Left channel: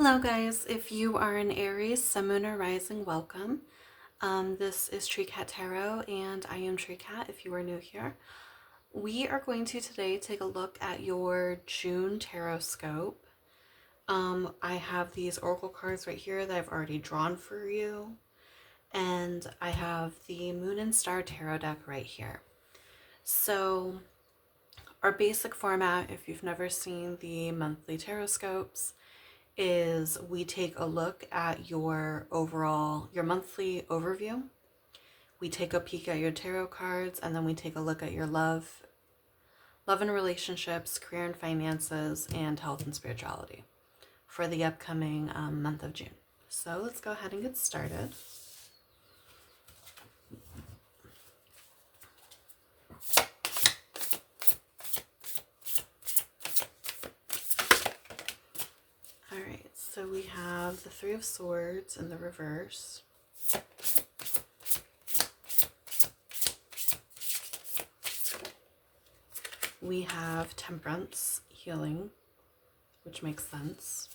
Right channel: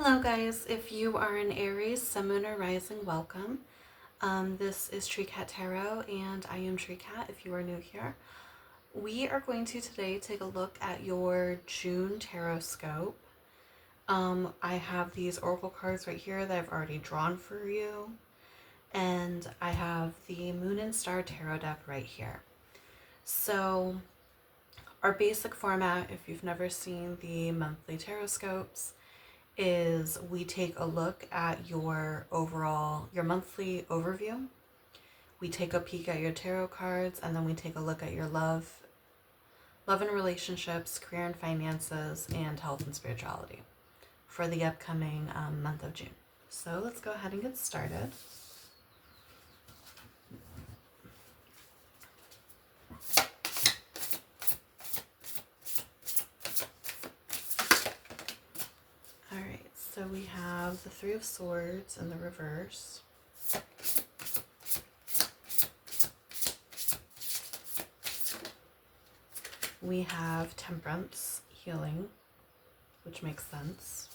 Hello guys, if you are an Aries, Sun, Moon, or Rising, welcome. This is Tree Cat Tarot and I am Tree Cat if you are new here. We are going to today take a look at your June tarot scope. I have these oracle cards right here that I've already drawn for you, and I have the Moon and Star tarot deck right here. So our basic format, if you've never seen the monthly tarot scopes, is we take a look at your monthly overview. We take a peek at your tarot cards, and then we take a look at your love and relationships, career and finances, and health and spirituality for the upcoming month of June. So let's go ahead and get started. All right, so we have the Three of Swords in the reverse. We have Temperance, healing, which makes sense.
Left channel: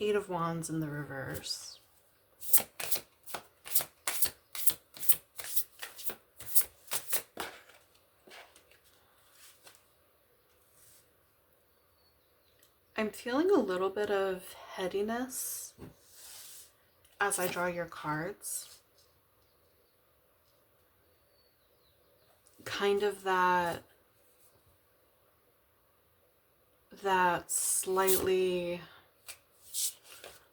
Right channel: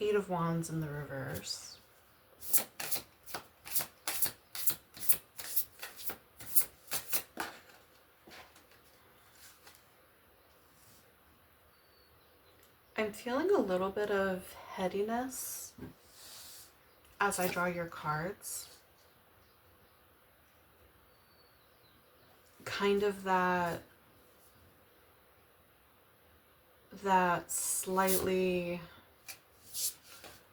Eight of Wands in the reverse. I'm feeling a little bit of headiness as I draw your cards. Kind of that slightly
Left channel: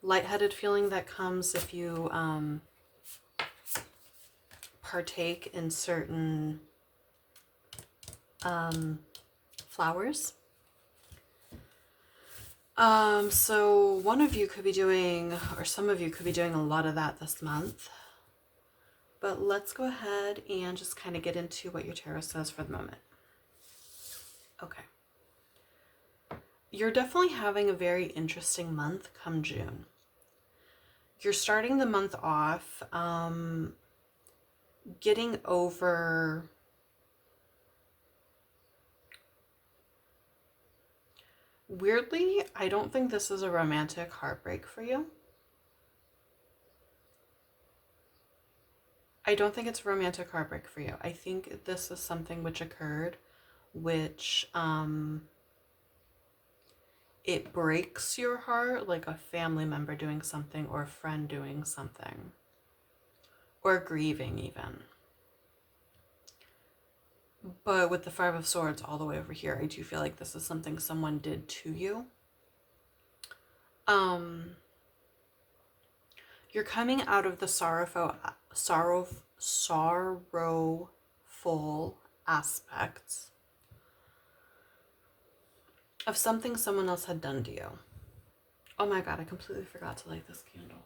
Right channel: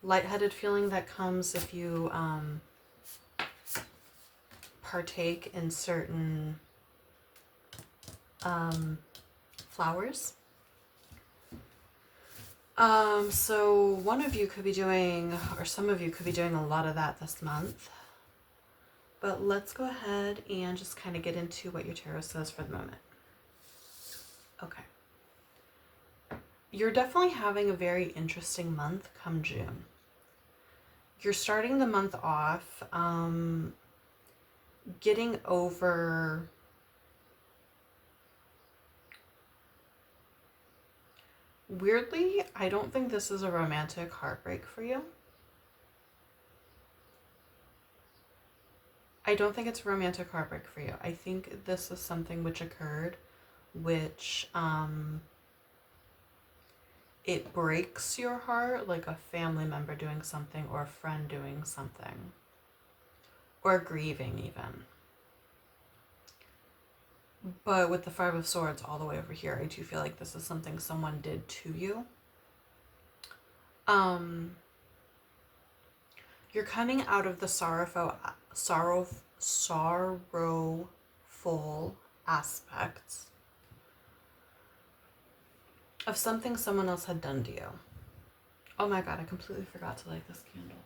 lightheaded feeling that comes if you partake in certain flowers. So one of you could be doing, or some of you could be doing a lot of that this month. But let's go ahead and just kind of get into what your tarot says for the moment. Okay. You're definitely having a very interesting month come June. You're starting the month off getting over weirdly, I don't think this is a romantic heartbreak for you. I don't think it's a romantic heartbreak for you. I think this is something which occurred, which it breaks your heart, like a family member doing something or a friend doing something, or grieving even. But with the Five of Swords all the way over here, I do feel like this is something someone did to you. You're coming out of the sorrowful aspects of something someone else had done to you. Oh my god, I completely forgot to light this candle.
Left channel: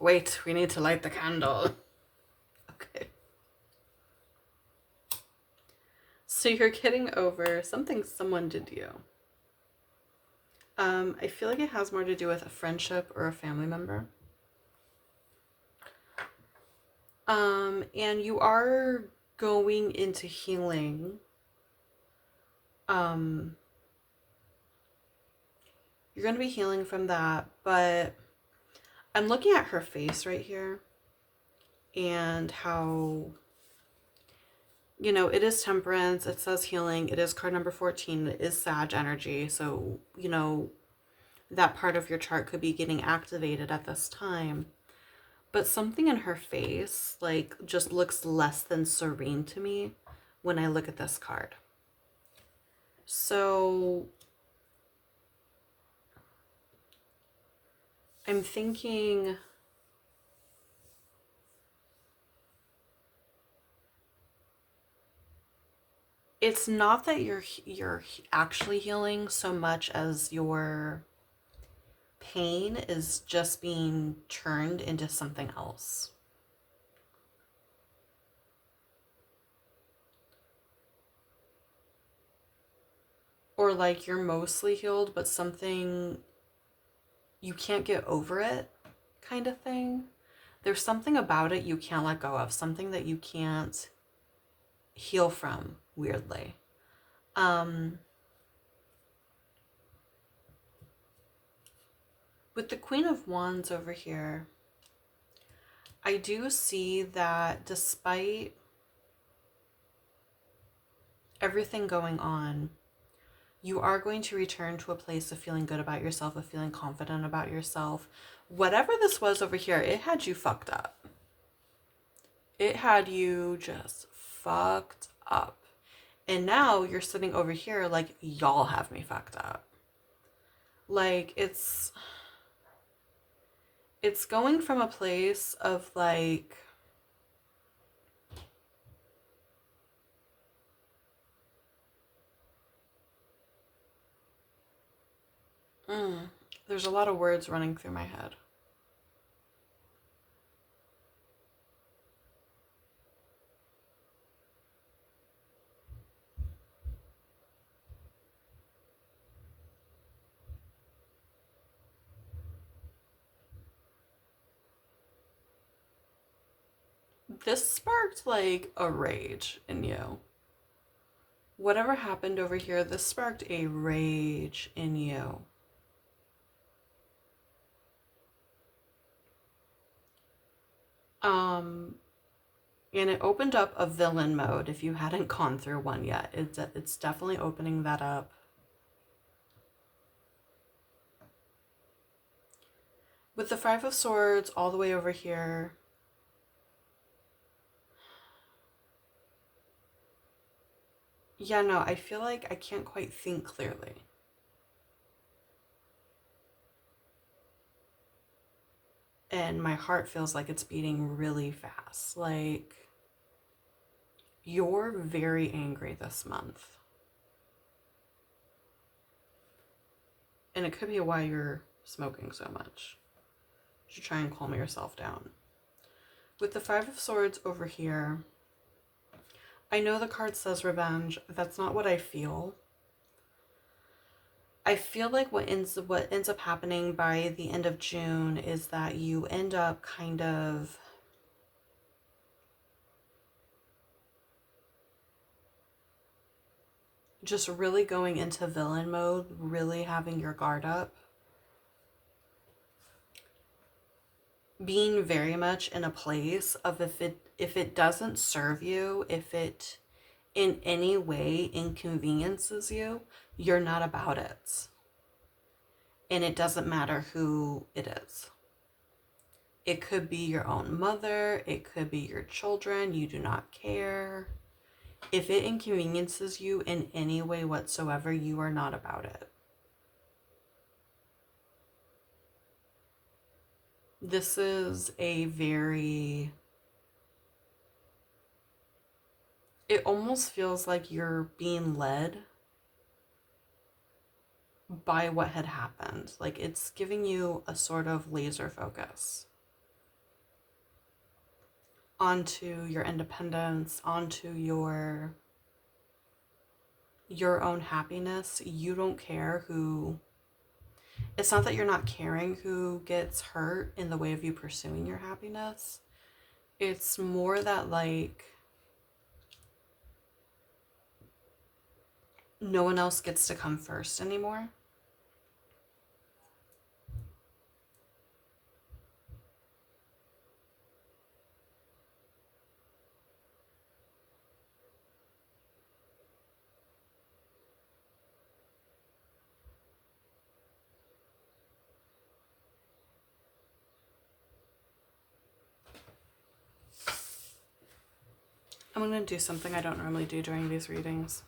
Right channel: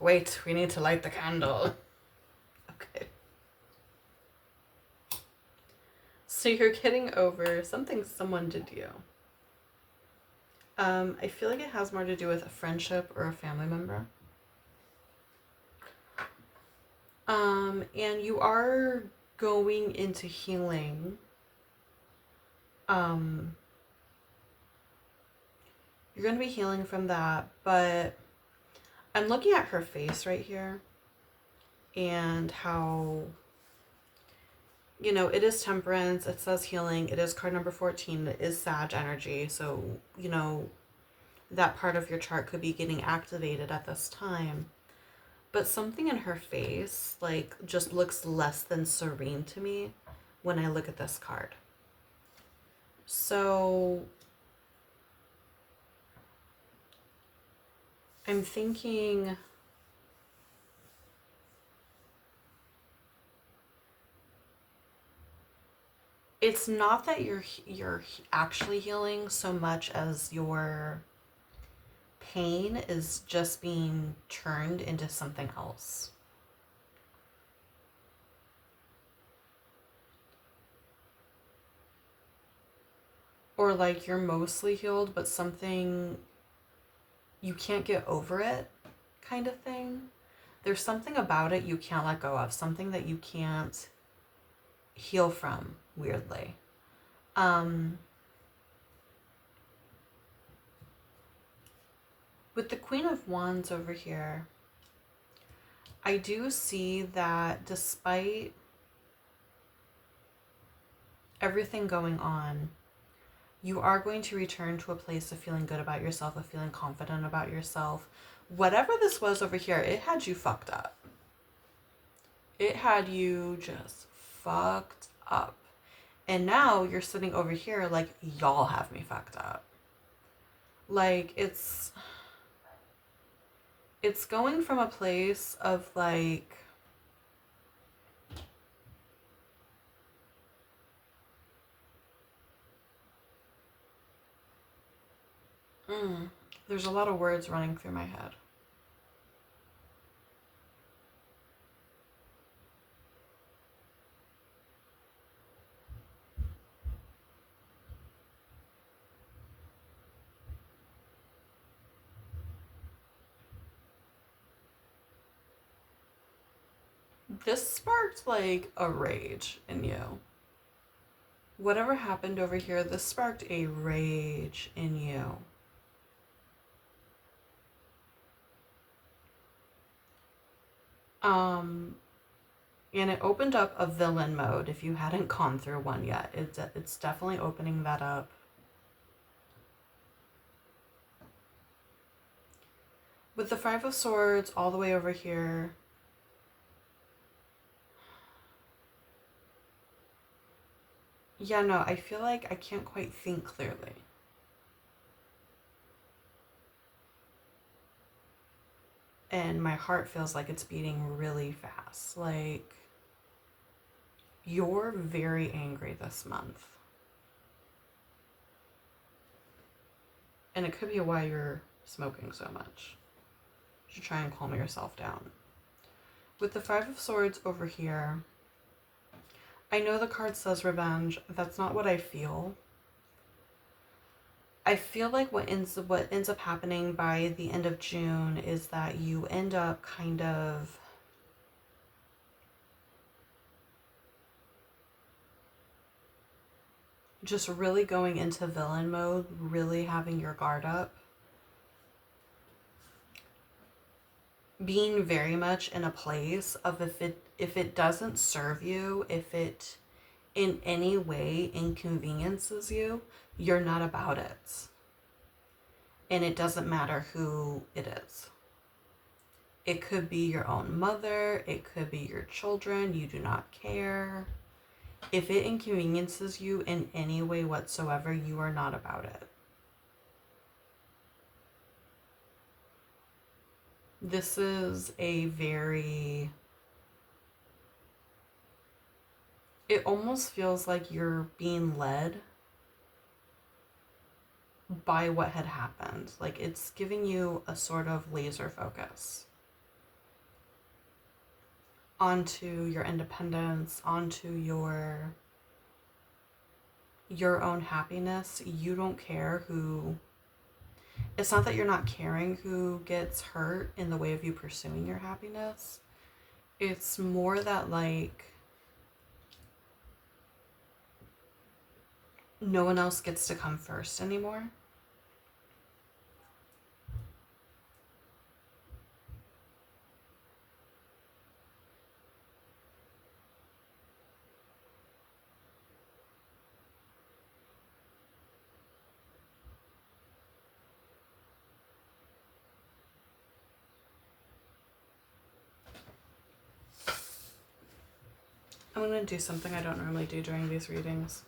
Wait, we need to light the candle. Okay. So you're getting over something someone did to you. I feel like it has more to do with a friendship or a family member. And you are going into healing. You're going to be healing from that, but I'm looking at her face right here and how, you know, it is Temperance, it says healing, it is card number 14, it is Sag energy, so, you know, that part of your chart could be getting activated at this time. But something in her face, like, just looks less than serene to me when I look at this card. So I'm thinking it's not that you're actually healing so much as your pain is just being turned into something else. Or like you're mostly healed, but something you can't get over it kind of thing. There's something about it you can't let go of, something that you can't heal from, weirdly. Um, with the Queen of Wands over here, I do see that despite everything going on, you are going to return to a place of feeling good about yourself, of feeling confident about yourself. Whatever this was over here, it had you fucked up. It had you just fucked up. And now you're sitting over here like, y'all have me fucked up. Like, it's going from a place of like, there's a lot of words running through my head. This sparked like a rage in you. Whatever happened over here, this sparked a rage in you. And it opened up a villain mode if you hadn't gone through one yet. It's definitely opening that up. With the Five of Swords all the way over here, yeah, no, I feel like I can't quite think clearly. And my heart feels like it's beating really fast. Like, you're very angry this month. And it could be why you're smoking so much. You should try and calm yourself down. With the Five of Swords over here, I know the card says revenge. That's not what I feel. I feel like what ends up happening by the end of June is that you end up kind of just really going into villain mode, really having your guard up. Being very much in a place of if it doesn't serve you, if it in any way inconveniences you, you're not about it. And it doesn't matter who it is. It could be your own mother, it could be your children, you do not care. If it inconveniences you in any way whatsoever, you are not about it. This is a very... It almost feels like you're being led by what had happened. Like, it's giving you a sort of laser focus onto your independence, onto your own happiness. You don't care who... It's not that you're not caring who gets hurt in the way of you pursuing your happiness. It's more that, like, no one else gets to come first anymore. I'm going to do something I don't normally do during these readings.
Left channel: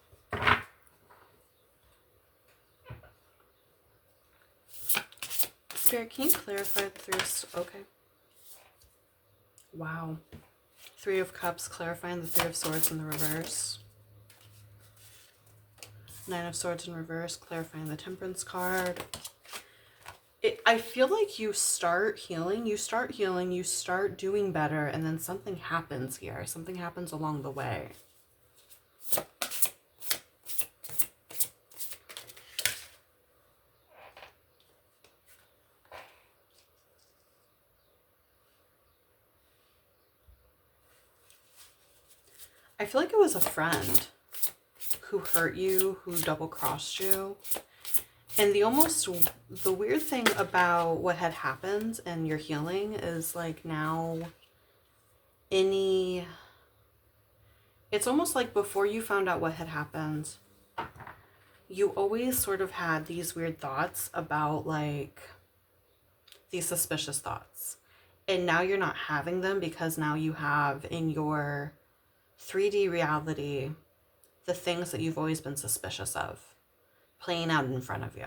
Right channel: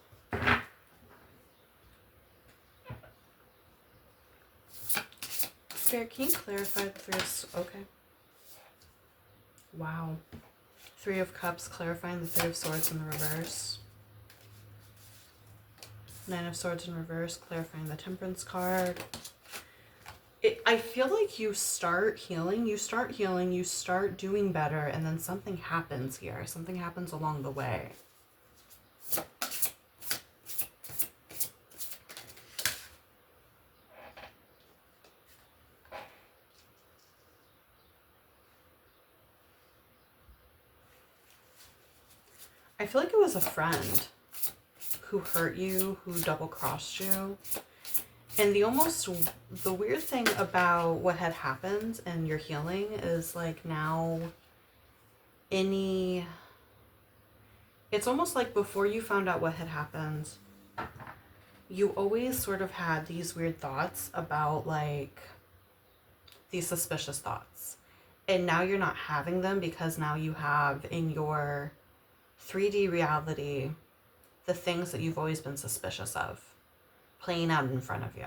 Spirit, can you clarify the Three of... Okay. Wow. Three of Cups, clarifying the Three of Swords in the reverse. Nine of Swords in reverse, clarifying the Temperance card. I feel like you start healing, you start doing better, and then something happens here. Something happens along the way. I feel like it was a friend who hurt you, who double-crossed you. And the weird thing about what had happened and your healing is like now it's almost like before you found out what had happened, you always sort of had these weird thoughts about like these suspicious thoughts. And now you're not having them because now you have in your 3D reality the things that you've always been suspicious of playing out in front of you.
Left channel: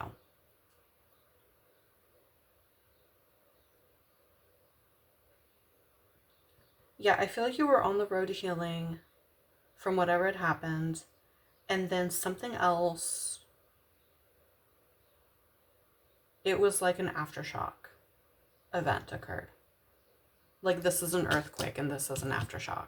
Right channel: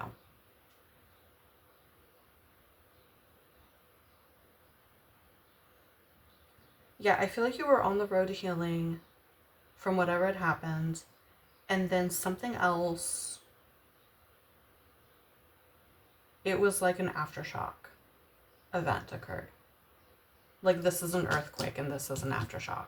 Yeah, I feel like you were on the road to healing from whatever had happened, and then something else, it was like an aftershock event occurred. Like this is an earthquake and this is an aftershock.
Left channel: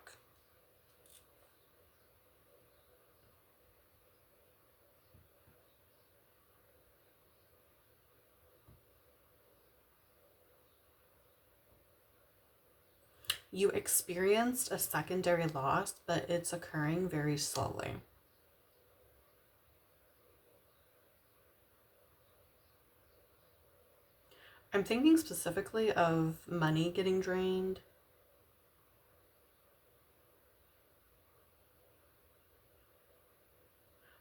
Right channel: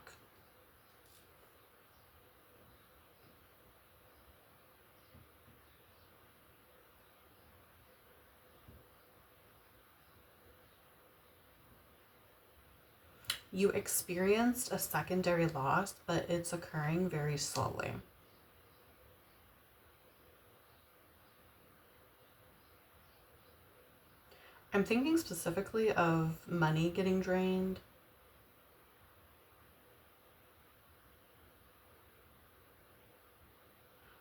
You experienced a secondary loss, but it's occurring very slowly. I'm thinking specifically of money getting drained.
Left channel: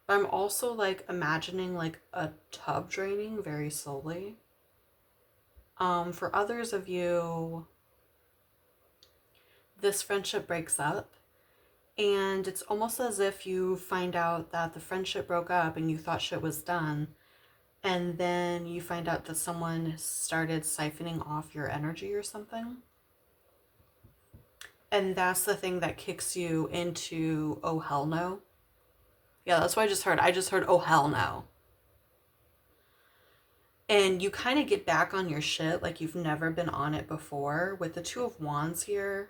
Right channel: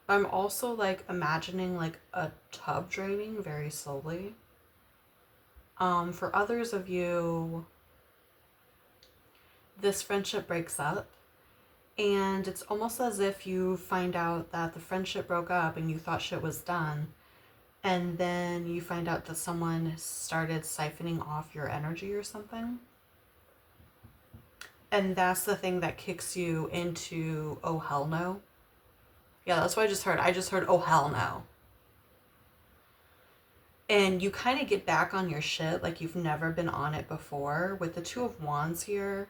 But I'm also like imagining like a tub draining very slowly. For others of you, this friendship breaks up. And it's almost as if you find out that the friendship broke up and you thought shit was done. And then you find out that someone started siphoning off your energy or something. And that's the thing that kicks you into, oh, hell no. Yeah, that's what I just heard. I just heard, oh, hell no. And you kind of get back on your shit like you've never been on it before. With the Two of Wands here,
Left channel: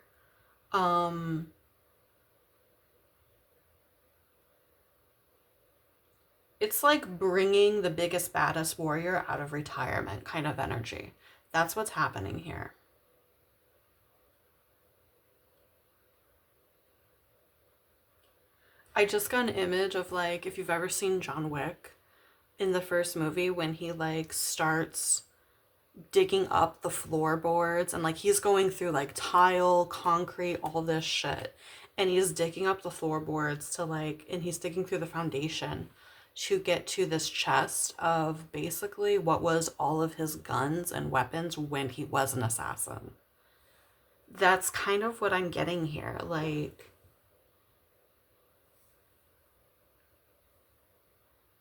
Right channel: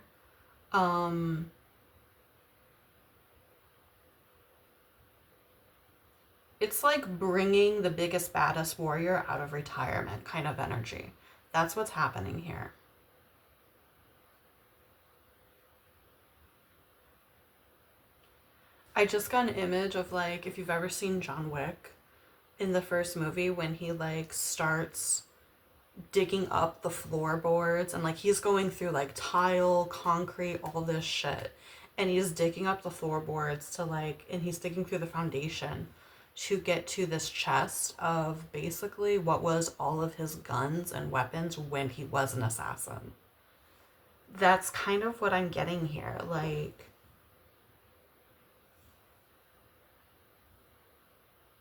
it's like bringing the biggest, baddest warrior out of retirement kind of energy. That's what's happening here. I just got an image of like, if you've ever seen John Wick in the first movie when he like starts digging up the floorboards and like he's going through like tile, concrete, all this shit. And he's digging up the floorboards to like, and he's digging through the foundation to get to this chest of basically what was all of his guns and weapons when he was an assassin. That's kind of what I'm getting here. Like,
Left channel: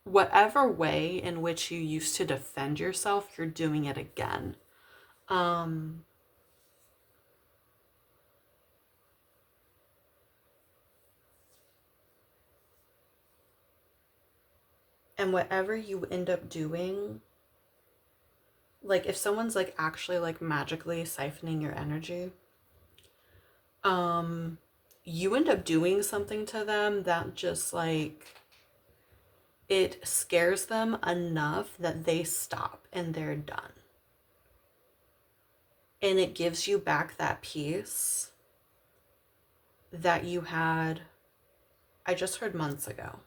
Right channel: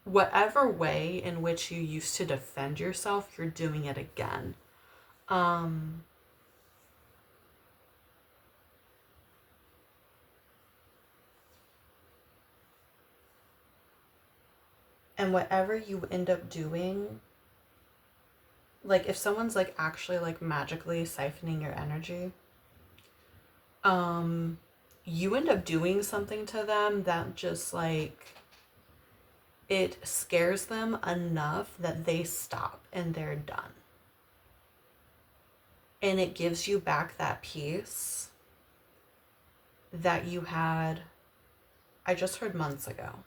whatever way in which you used to defend yourself, you're doing it again. Um, and whatever you end up doing, like if someone's like actually like magically siphoning your energy, um, you end up doing something to them that just like it scares them enough that they stop and they're done. And it gives you back that peace that you had, I just heard months ago.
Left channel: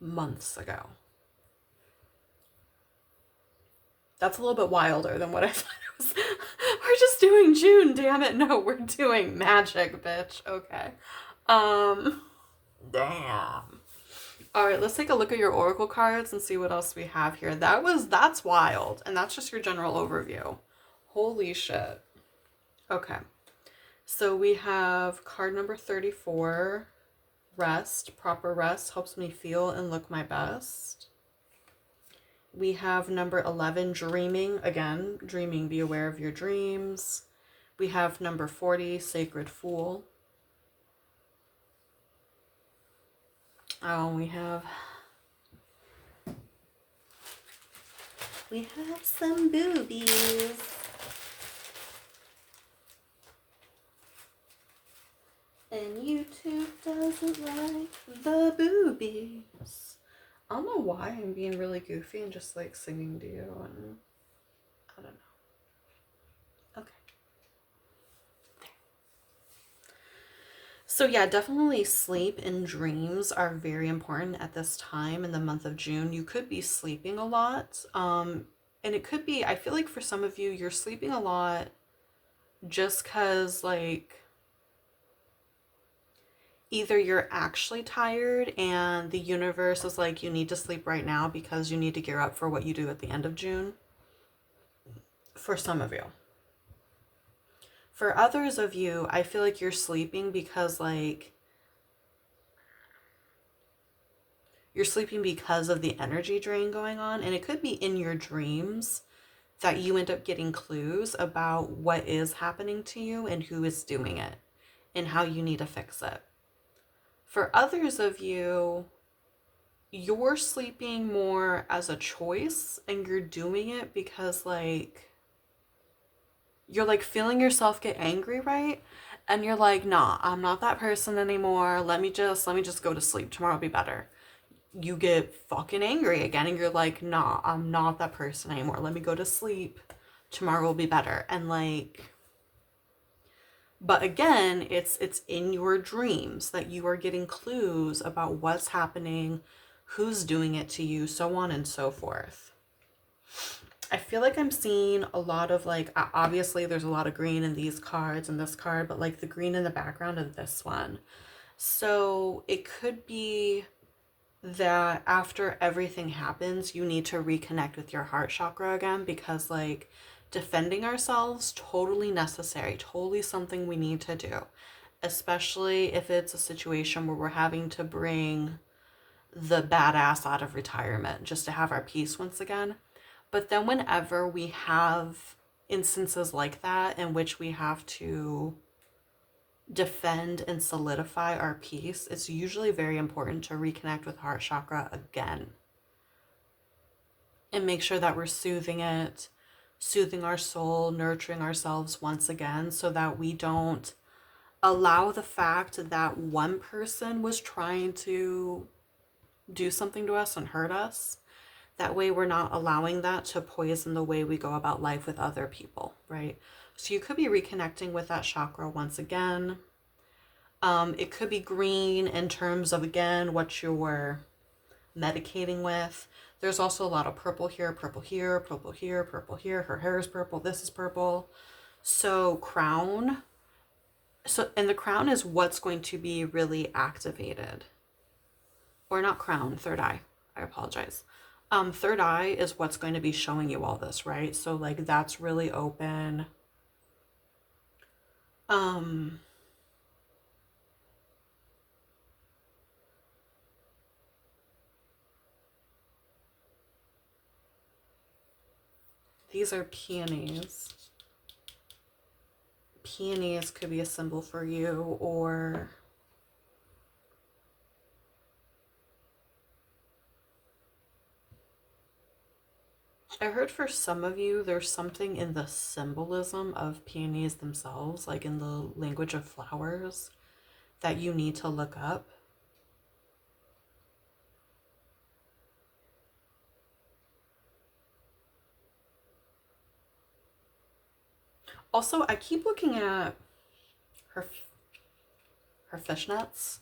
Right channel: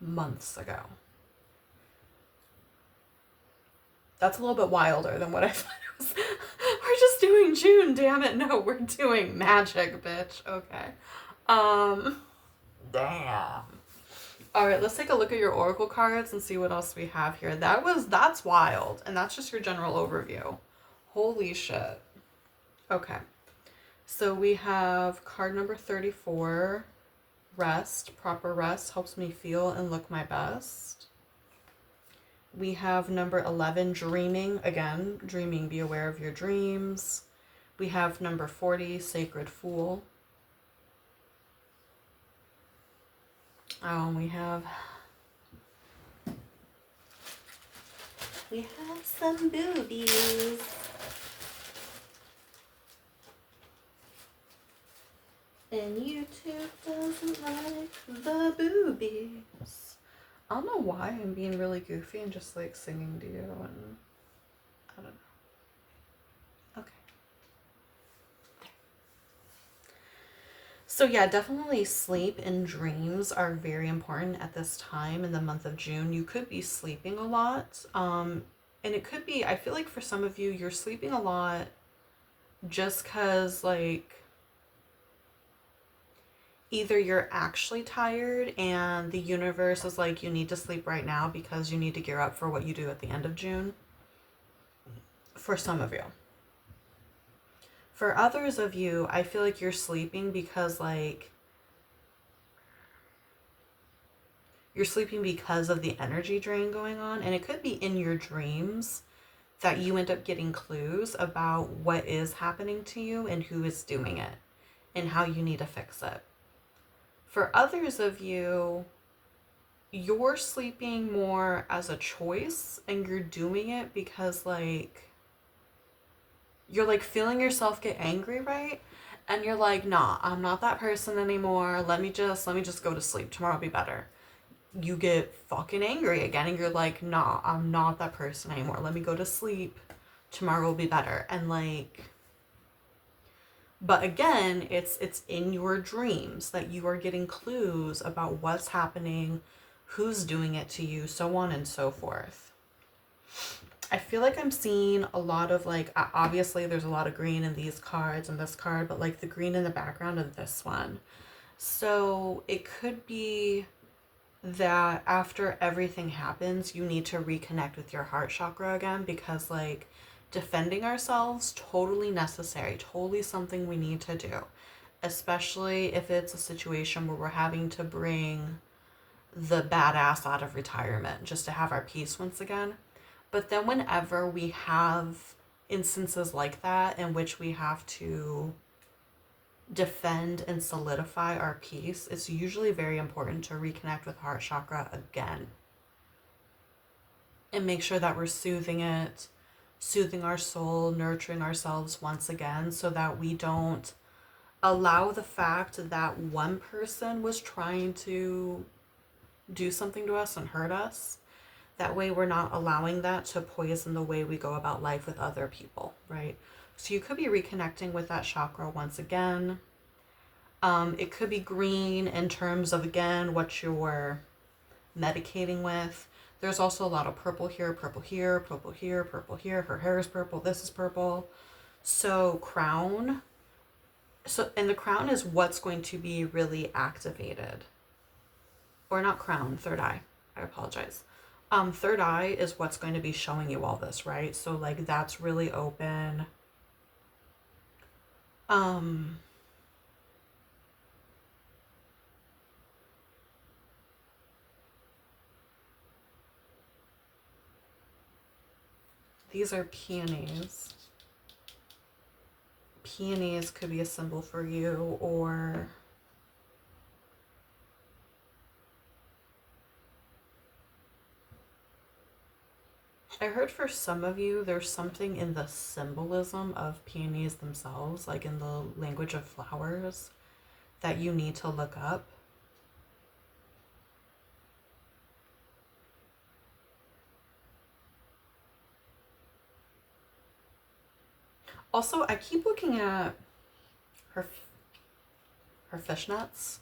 Months ago. That's a little bit wilder than what I thought it was. We're just doing June, damn it. No, we're doing magic, bitch. Okay. Damn. All right, let's take a look at your oracle cards and see what else we have here. That's wild, and that's just your general overview. Holy shit. Okay. So we have card number 34, rest. Proper rest helps me feel and look my best. We have number 11, dreaming. Again, dreaming, be aware of your dreams. We have number 40, sacred fool. Oh, we have some boobies. And YouTube doesn't like the boobies. I don't know why I'm being really goofy and just like singing to you, and I don't know. Okay. So yeah, definitely sleep and dreams are very important at this time in the month of June. You could be sleeping a lot. And it could be, I feel like for some of you, you're sleeping a lot just because, like, either you're actually tired and the universe is like, you need to sleep right now because you need to gear up for what you do at the end of June. For some of you. For others of you, I feel like you're sleeping because, like, you're sleeping because of the energy drain going on. And it could be in your dreams that you end up getting clues about what is happening to you and who is doing it and how you need to fix it. For others of you, you're sleeping more as a choice and you're doing it because, like, you're like feeling yourself get angry, right? And you're like, nah, I'm not that person anymore. Let me just go to sleep. Tomorrow will be better. You get fucking angry again and you're like, nah, I'm not that person anymore. Let me go to sleep. Tomorrow will be better. And, like, but again, it's in your dreams that you are getting clues about what's happening, who's doing it to you, so on and so forth. I feel like I'm seeing a lot of, like, obviously there's a lot of green in these cards and this card, but like the green in the background of this one. So it could be that after everything happens, you need to reconnect with your heart chakra again because, like, defending ourselves, totally necessary, totally something we need to do, especially if it's a situation where we're having to bring the badass out of retirement just to have our peace once again. But then, whenever we have instances like that in which we have to defend and solidify our peace, it's usually very important to reconnect with heart chakra again and make sure that we're soothing it, soothing our soul, nurturing ourselves once again so that we don't allow the fact that one person was trying to do something to us and hurt us. That way, we're not allowing that to poison the way we go about life with other people, right? So, you could be reconnecting with that chakra once again. It could be green in terms of, again, what you're medicating with. There's also a lot of purple here, purple here, purple here, purple here. Her hair is purple. This is purple. So, crown. So, and the crown is what's going to be really activated. Or not crown, third eye. I apologize. Third eye is what's going to be showing you all this, right? So, like, that's really open. Um, these are peonies. Peonies could be a symbol for you, or I heard for some of you, there's something in the symbolism of peonies themselves, like in the language of flowers, that you need to look up. Also, I keep looking at her her fishnets.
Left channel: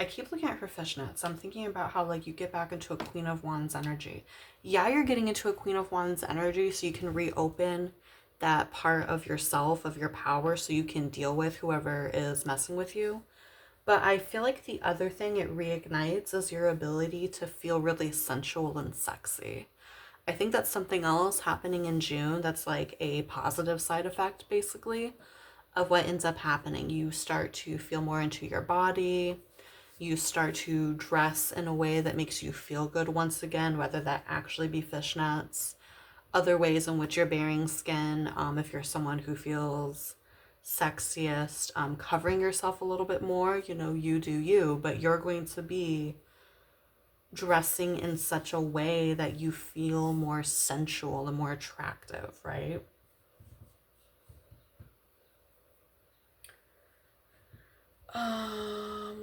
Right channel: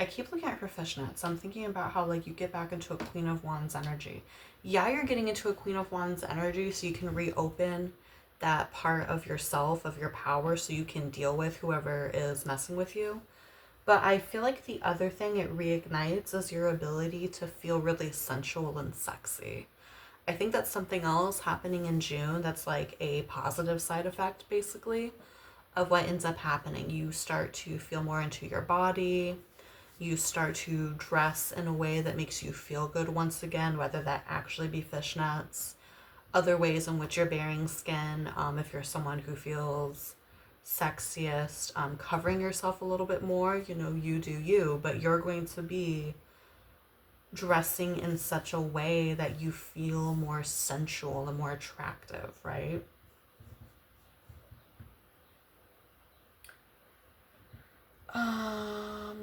I keep looking at her fishnets. I'm thinking about how, like, you get back into a Queen of Wands energy. Yeah, you're getting into a Queen of Wands energy so you can reopen that part of yourself, of your power, so you can deal with whoever is messing with you. But I feel like the other thing it reignites is your ability to feel really sensual and sexy. I think that's something else happening in June that's like a positive side effect, basically, of what ends up happening. You start to feel more into your body. You start to dress in a way that makes you feel good once again, whether that actually be fishnets, other ways in which you're bearing skin, if you're someone who feels sexiest, covering yourself a little bit more, you know, you do you, but you're going to be dressing in such a way that you feel more sensual and more attractive, right?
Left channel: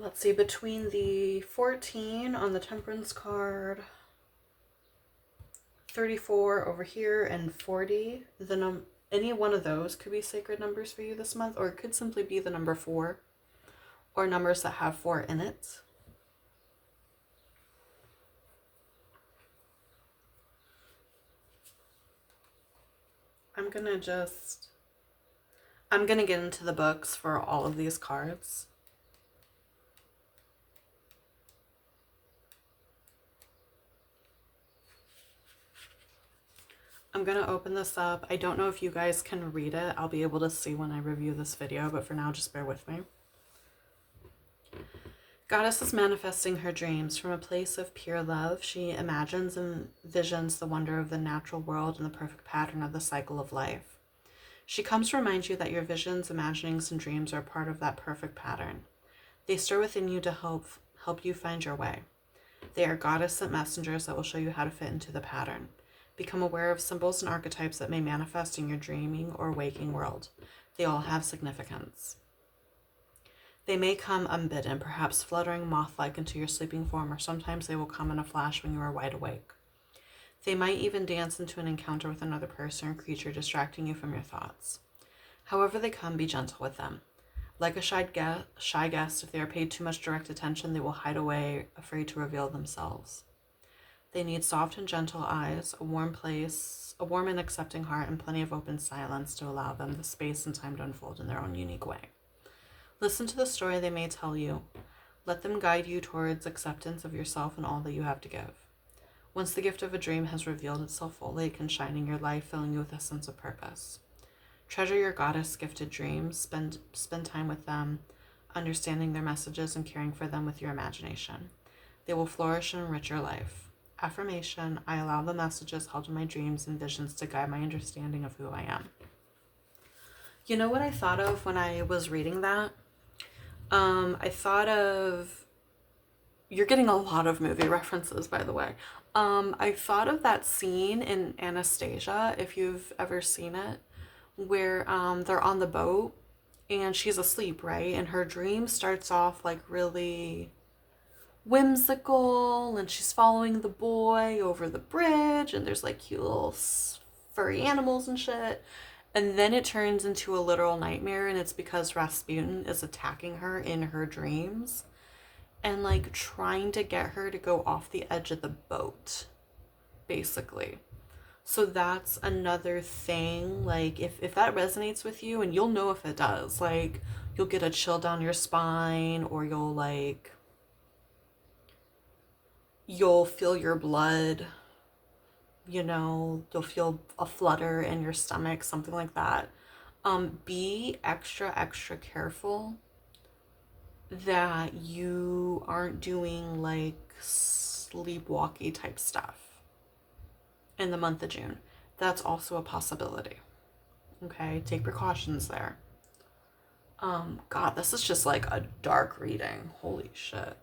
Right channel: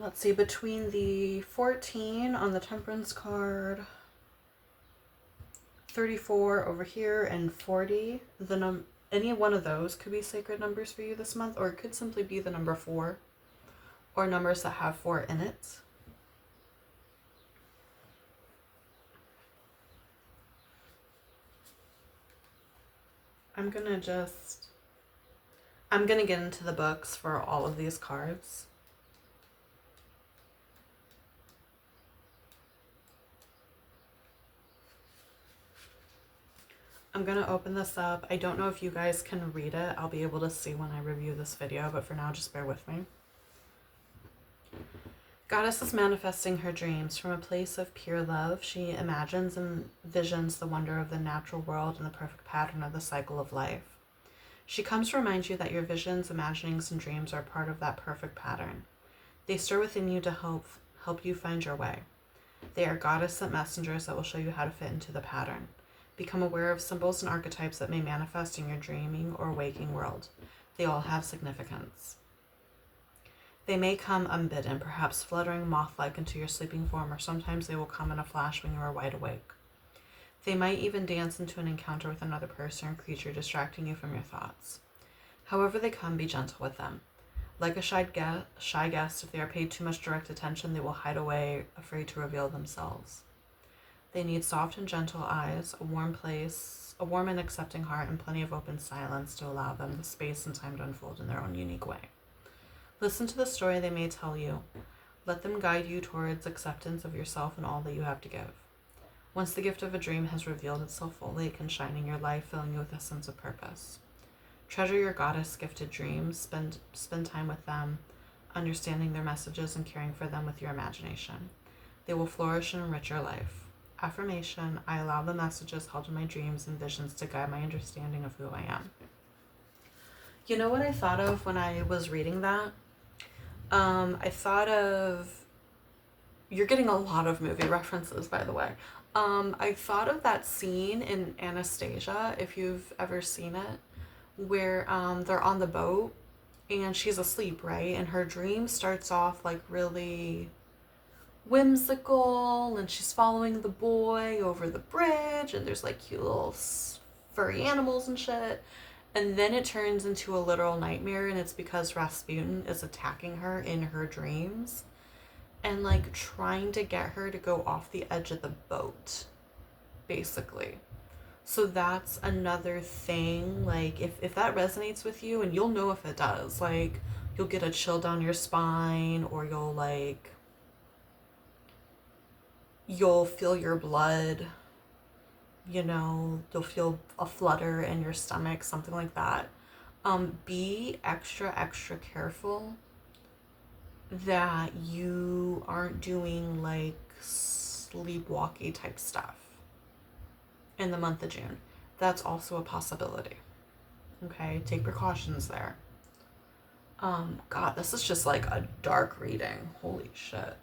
Let's see, between the 14 on the Temperance card, 34 over here, and 40, any one of those could be sacred numbers for you this month, or it could simply be the number 4. or numbers that have 4 in it. I'm gonna just, I'm gonna get into the books for all of these cards. I'm gonna open this up. I don't know if you guys can read it. I'll be able to see when I review this video, but for now, just bear with me. Goddess is manifesting her dreams from a place of pure love. She imagines and visions the wonder of the natural world and the perfect pattern of the cycle of life. She comes to remind you that your visions, imaginings, and dreams are part of that perfect pattern. They stir within you to help you find your way. They are goddess sent messengers that will show you how to fit into the pattern. Become aware of symbols and archetypes that may manifest in your dreaming or waking world. They all have significance. They may come unbidden, perhaps fluttering moth-like into your sleeping form, or sometimes they will come in a flash when you are wide awake. They might even dance into an encounter with another person or creature, distracting you from your thoughts. However they come, be gentle with them. Like a shy guest, if they are paid too much direct attention, they will hide away, afraid to reveal themselves. They need soft and gentle eyes, a warm place, a warm and accepting heart, and plenty of open silence to allow them the space and time to unfold in their own unique way. Listen to the story they may tell you. Let them guide you towards acceptance of yourself and all that you have to give. Once the gift of a dream has revealed itself fully, it can shine in your life, filling you with a sense of purpose. Treasure your goddess-gifted dreams. Spend time with them, understanding their messages and caring for them with your imagination. They will flourish and enrich your life. Affirmation: I allow the messages held in my dreams and visions to guide my understanding of who I am. You know what I thought of when I was reading that? I thought of, you're getting a lot of movie references, by the way. I thought of that scene in Anastasia, if you've ever seen it, where they're on the boat and she's asleep, right? And her dream starts off like really whimsical, and she's following the boy over the bridge, and there's like cute little furry animals and shit. And then it turns into a literal nightmare, and it's because Rasputin is attacking her in her dreams and like trying to get her to go off the edge of the boat, basically. So that's another thing. Like, if that resonates with you, and you'll know if it does, like, you'll get a chill down your spine, or you'll feel your blood, you'll feel a flutter in your stomach, something like that. Be extra, extra careful that you aren't doing like sleepwalky type stuff in the month of June. That's also a possibility. Okay, take precautions there. God, this is just like a dark reading. Holy shit.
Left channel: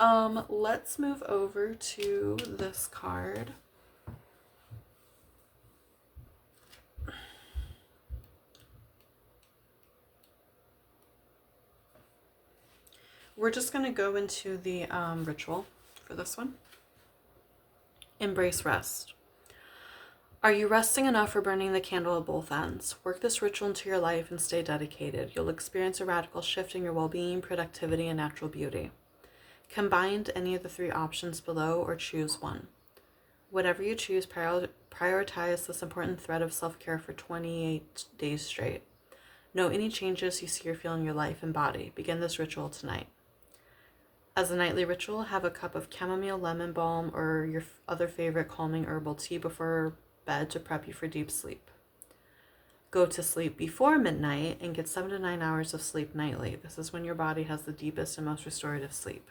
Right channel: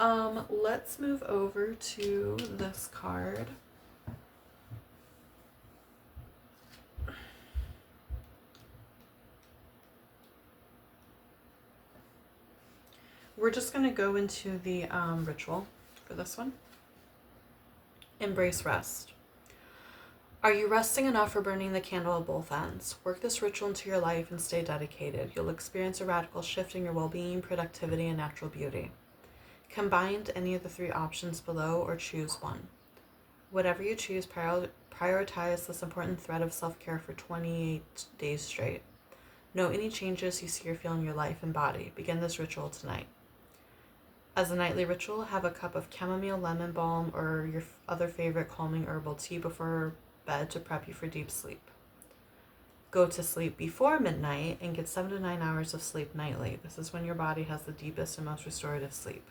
Let's move over to this card. We're just going to go into the ritual for this one. Embrace rest. Are you resting enough or burning the candle at both ends? Work this ritual into your life and stay dedicated. You'll experience a radical shift in your well-being, productivity, and natural beauty. Combine any of the 3 options below or choose one. Whatever you choose, prioritize this important thread of self-care for 28 days straight. Note any changes you see or feel in your life and body. Begin this ritual tonight. As a nightly ritual, have a cup of chamomile, lemon balm, or your other favorite calming herbal tea before bed to prep you for deep sleep. Go to sleep before midnight and get 7 to 9 hours of sleep nightly. This is when your body has the deepest and most restorative sleep.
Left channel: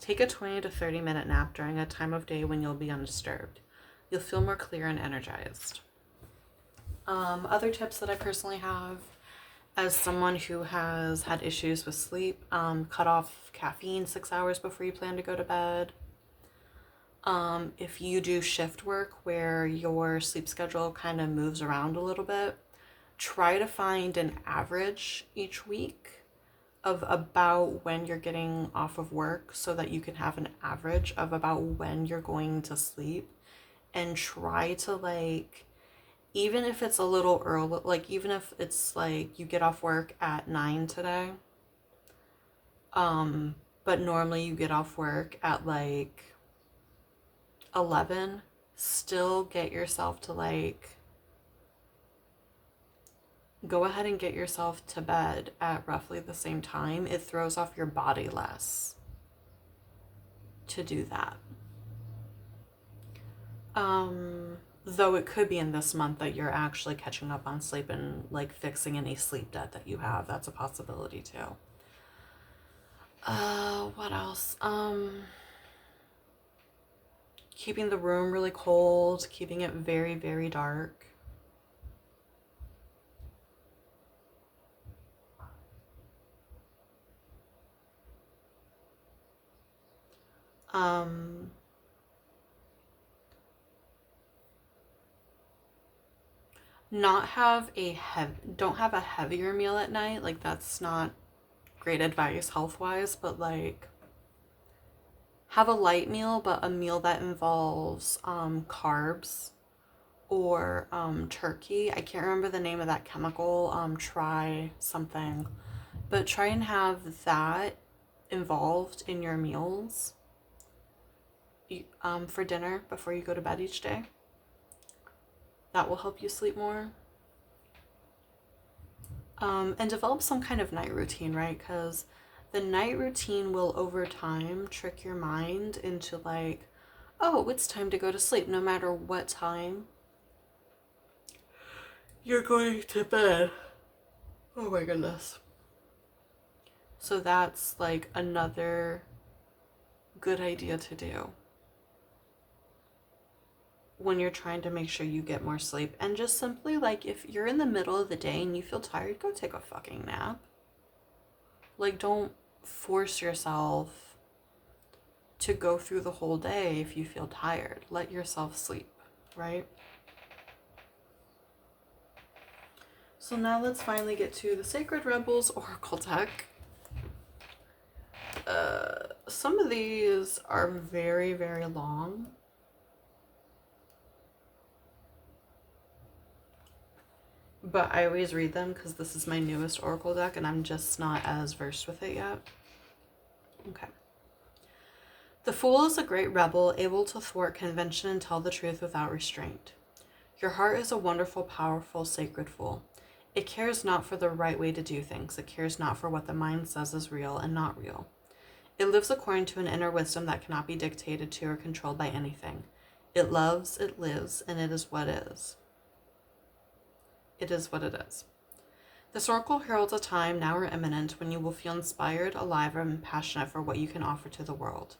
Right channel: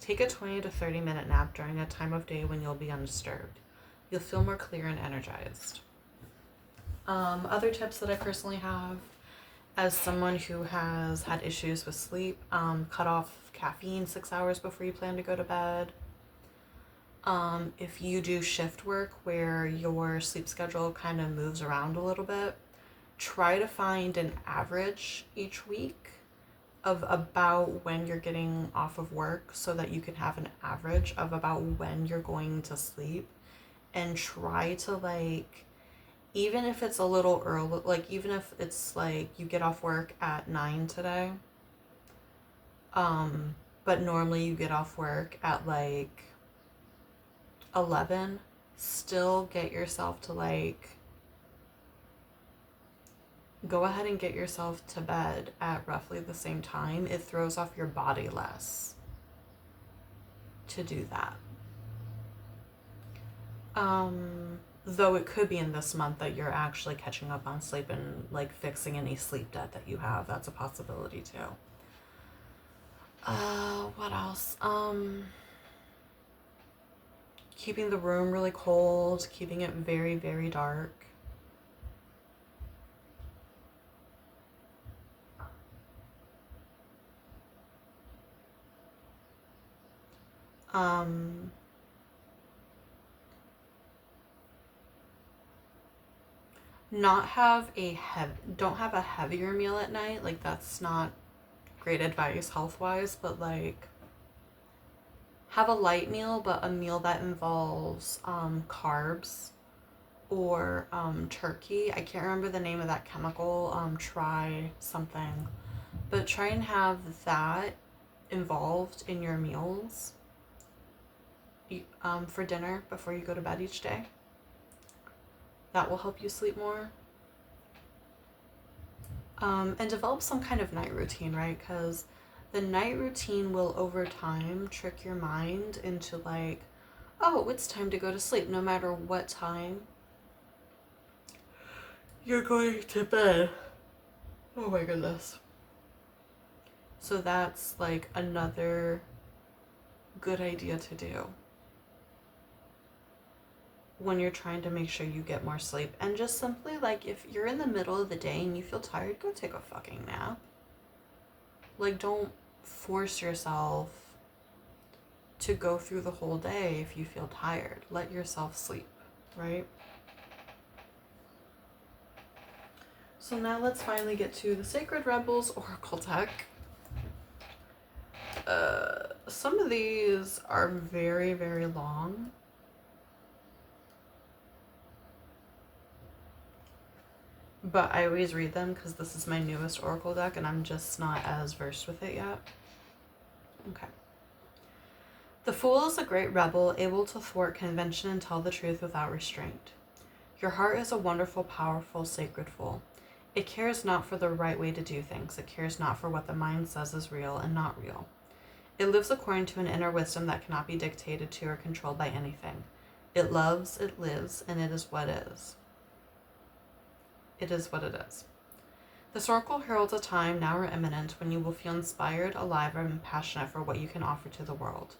Take a 20 to 30 minute nap during a time of day when you'll be undisturbed. You'll feel more clear and energized. Other tips that I personally have, as someone who has had issues with sleep, cut off caffeine 6 hours before you plan to go to bed. If you do shift work where your sleep schedule kind of moves around a little bit, try to find an average each week of about when you're getting off of work so that you can have an average of about when you're going to sleep, and try to, like, even if it's a little early, like even if it's like you get off work at 9 today, Um, but normally you get off work at like 11. Still get yourself to like go ahead and get yourself to bed at roughly the same time. It throws off your body less to do that. Though it could be in this month that you're actually catching up on sleep and like fixing any sleep debt that you have. That's a possibility too. What else? Keeping the room really cold, keeping it very, very dark. Um, not have don't have a heavier meal at night. Like that's not great advice health wise, but like have a light meal, but a meal that involves carbs or turkey. I can't remember the name of that chemical. Try something, but try and have that involved in your meals for dinner before you go to bed each day. That will help you sleep more. And develop some kind of night routine, right? Because the night routine will over time trick your mind into like, oh, it's time to go to sleep no matter what time you're going to bed. Oh my goodness. So that's like another good idea to do when you're trying to make sure you get more sleep. And just simply like if you're in the middle of the day and you feel tired, go take a fucking nap. Like don't force yourself to go through the whole day if you feel tired. Let yourself sleep, right? So now let's finally get to the Sacred Rebels Oracle deck. Some of these are very, very long. But I always read them because this is my newest Oracle deck and I'm just not as versed with it yet. Okay. The Fool is a great rebel, able to thwart convention and tell the truth without restraint. Your heart is a wonderful, powerful, sacred fool. It cares not for the right way to do things. It cares not for what the mind says is real and not real. It lives according to an inner wisdom that cannot be dictated to or controlled by anything. It loves, it lives, and it is what is. It is what it is. This oracle heralds a time, now or imminent, when you will feel inspired, alive, and passionate for what you can offer to the world.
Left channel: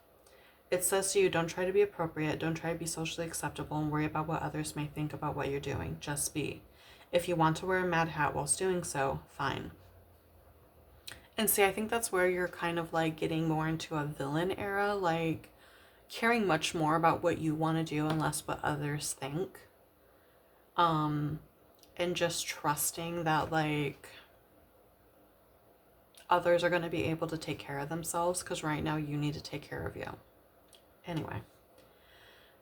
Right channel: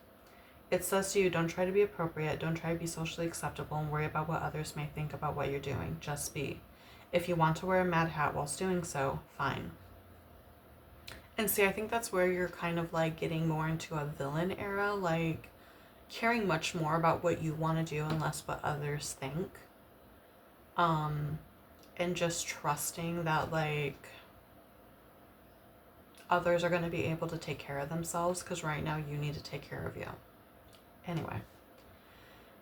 It says to you, don't try to be appropriate, don't try to be socially acceptable, and worry about what others may think about what you're doing. Just be. If you want to wear a mad hat whilst doing so, fine. And see, I think that's where you're kind of like getting more into a villain era, like caring much more about what you want to do and less what others think. And just trusting that like others are going to be able to take care of themselves because right now you need to take care of you. Anyway.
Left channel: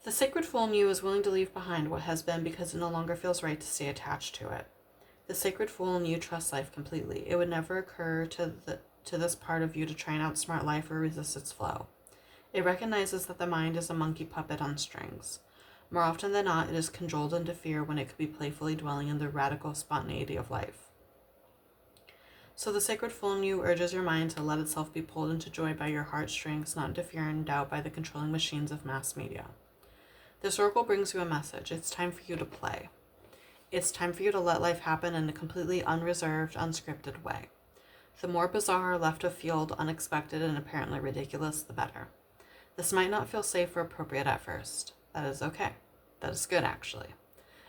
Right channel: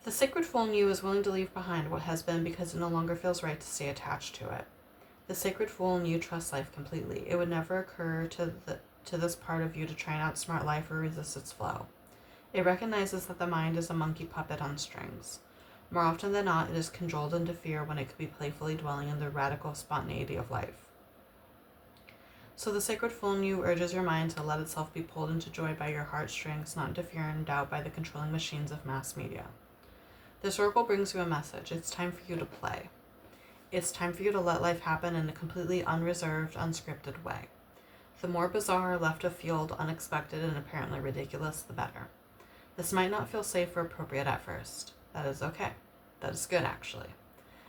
The sacred fool in you is willing to leave behind what has been because it no longer feels right to stay attached to it. The sacred fool in you trusts life completely. It would never occur to this part of you to try and outsmart life or resist its flow. It recognizes that the mind is a monkey puppet on strings. More often than not, it is cajoled into fear when it could be playfully dwelling in the radical spontaneity of life. So the sacred fool in you urges your mind to let itself be pulled into joy by your heartstrings, not into fear and doubt by the controlling machines of mass media. This oracle brings you a message. It's time for you to play. It's time for you to let life happen in a completely unreserved, unscripted way. The more bizarre, left of field, unexpected, and apparently ridiculous, the better. This might not feel safe or appropriate at first. That is okay. That is good, actually.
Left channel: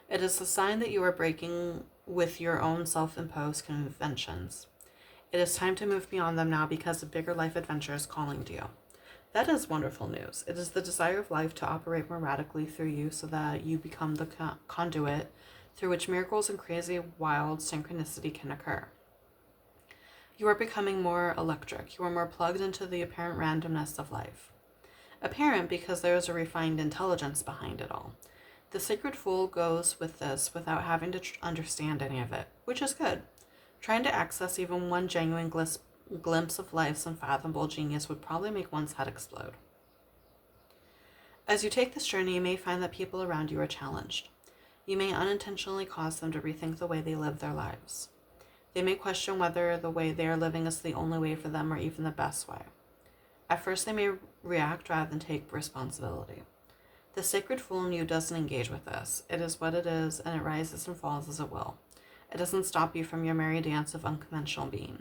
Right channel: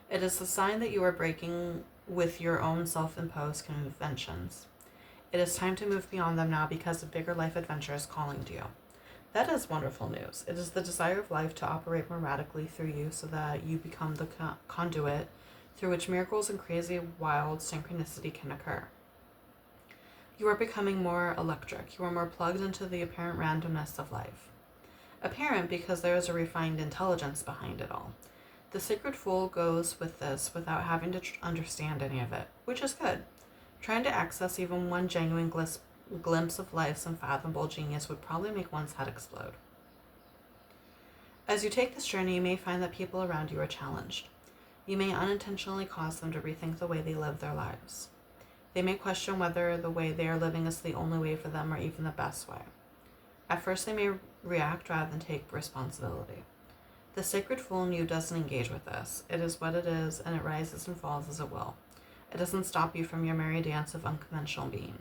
It is a sign that you are breaking with your own self-imposed conventions. It is time to move beyond them now because a bigger life adventure is calling to you. That is wonderful news. It is the desire of life to operate more radically through you so that you become the conduit through which miracles and crazy, wild synchronicity can occur. You are becoming more electric. You are more plugged into the apparent randomness of life. Apparent because there is a refined intelligence behind it all. The sacred fool goes with this without having to understand any of it, which is good. Trying to access even one genuine glimpse of life's unfathomable genius would probably make one's head explode. As you take this journey, you may find that people around you are challenged. You may unintentionally cause them to rethink the way they live their lives. They may question whether the way they are living is the only way for them or even the best way. At first, they may react rather than take responsibility. The sacred fool in you doesn't engage with this. It is what it is, and it rises and falls as it will. It doesn't stop you from your merry dance of unconventional being.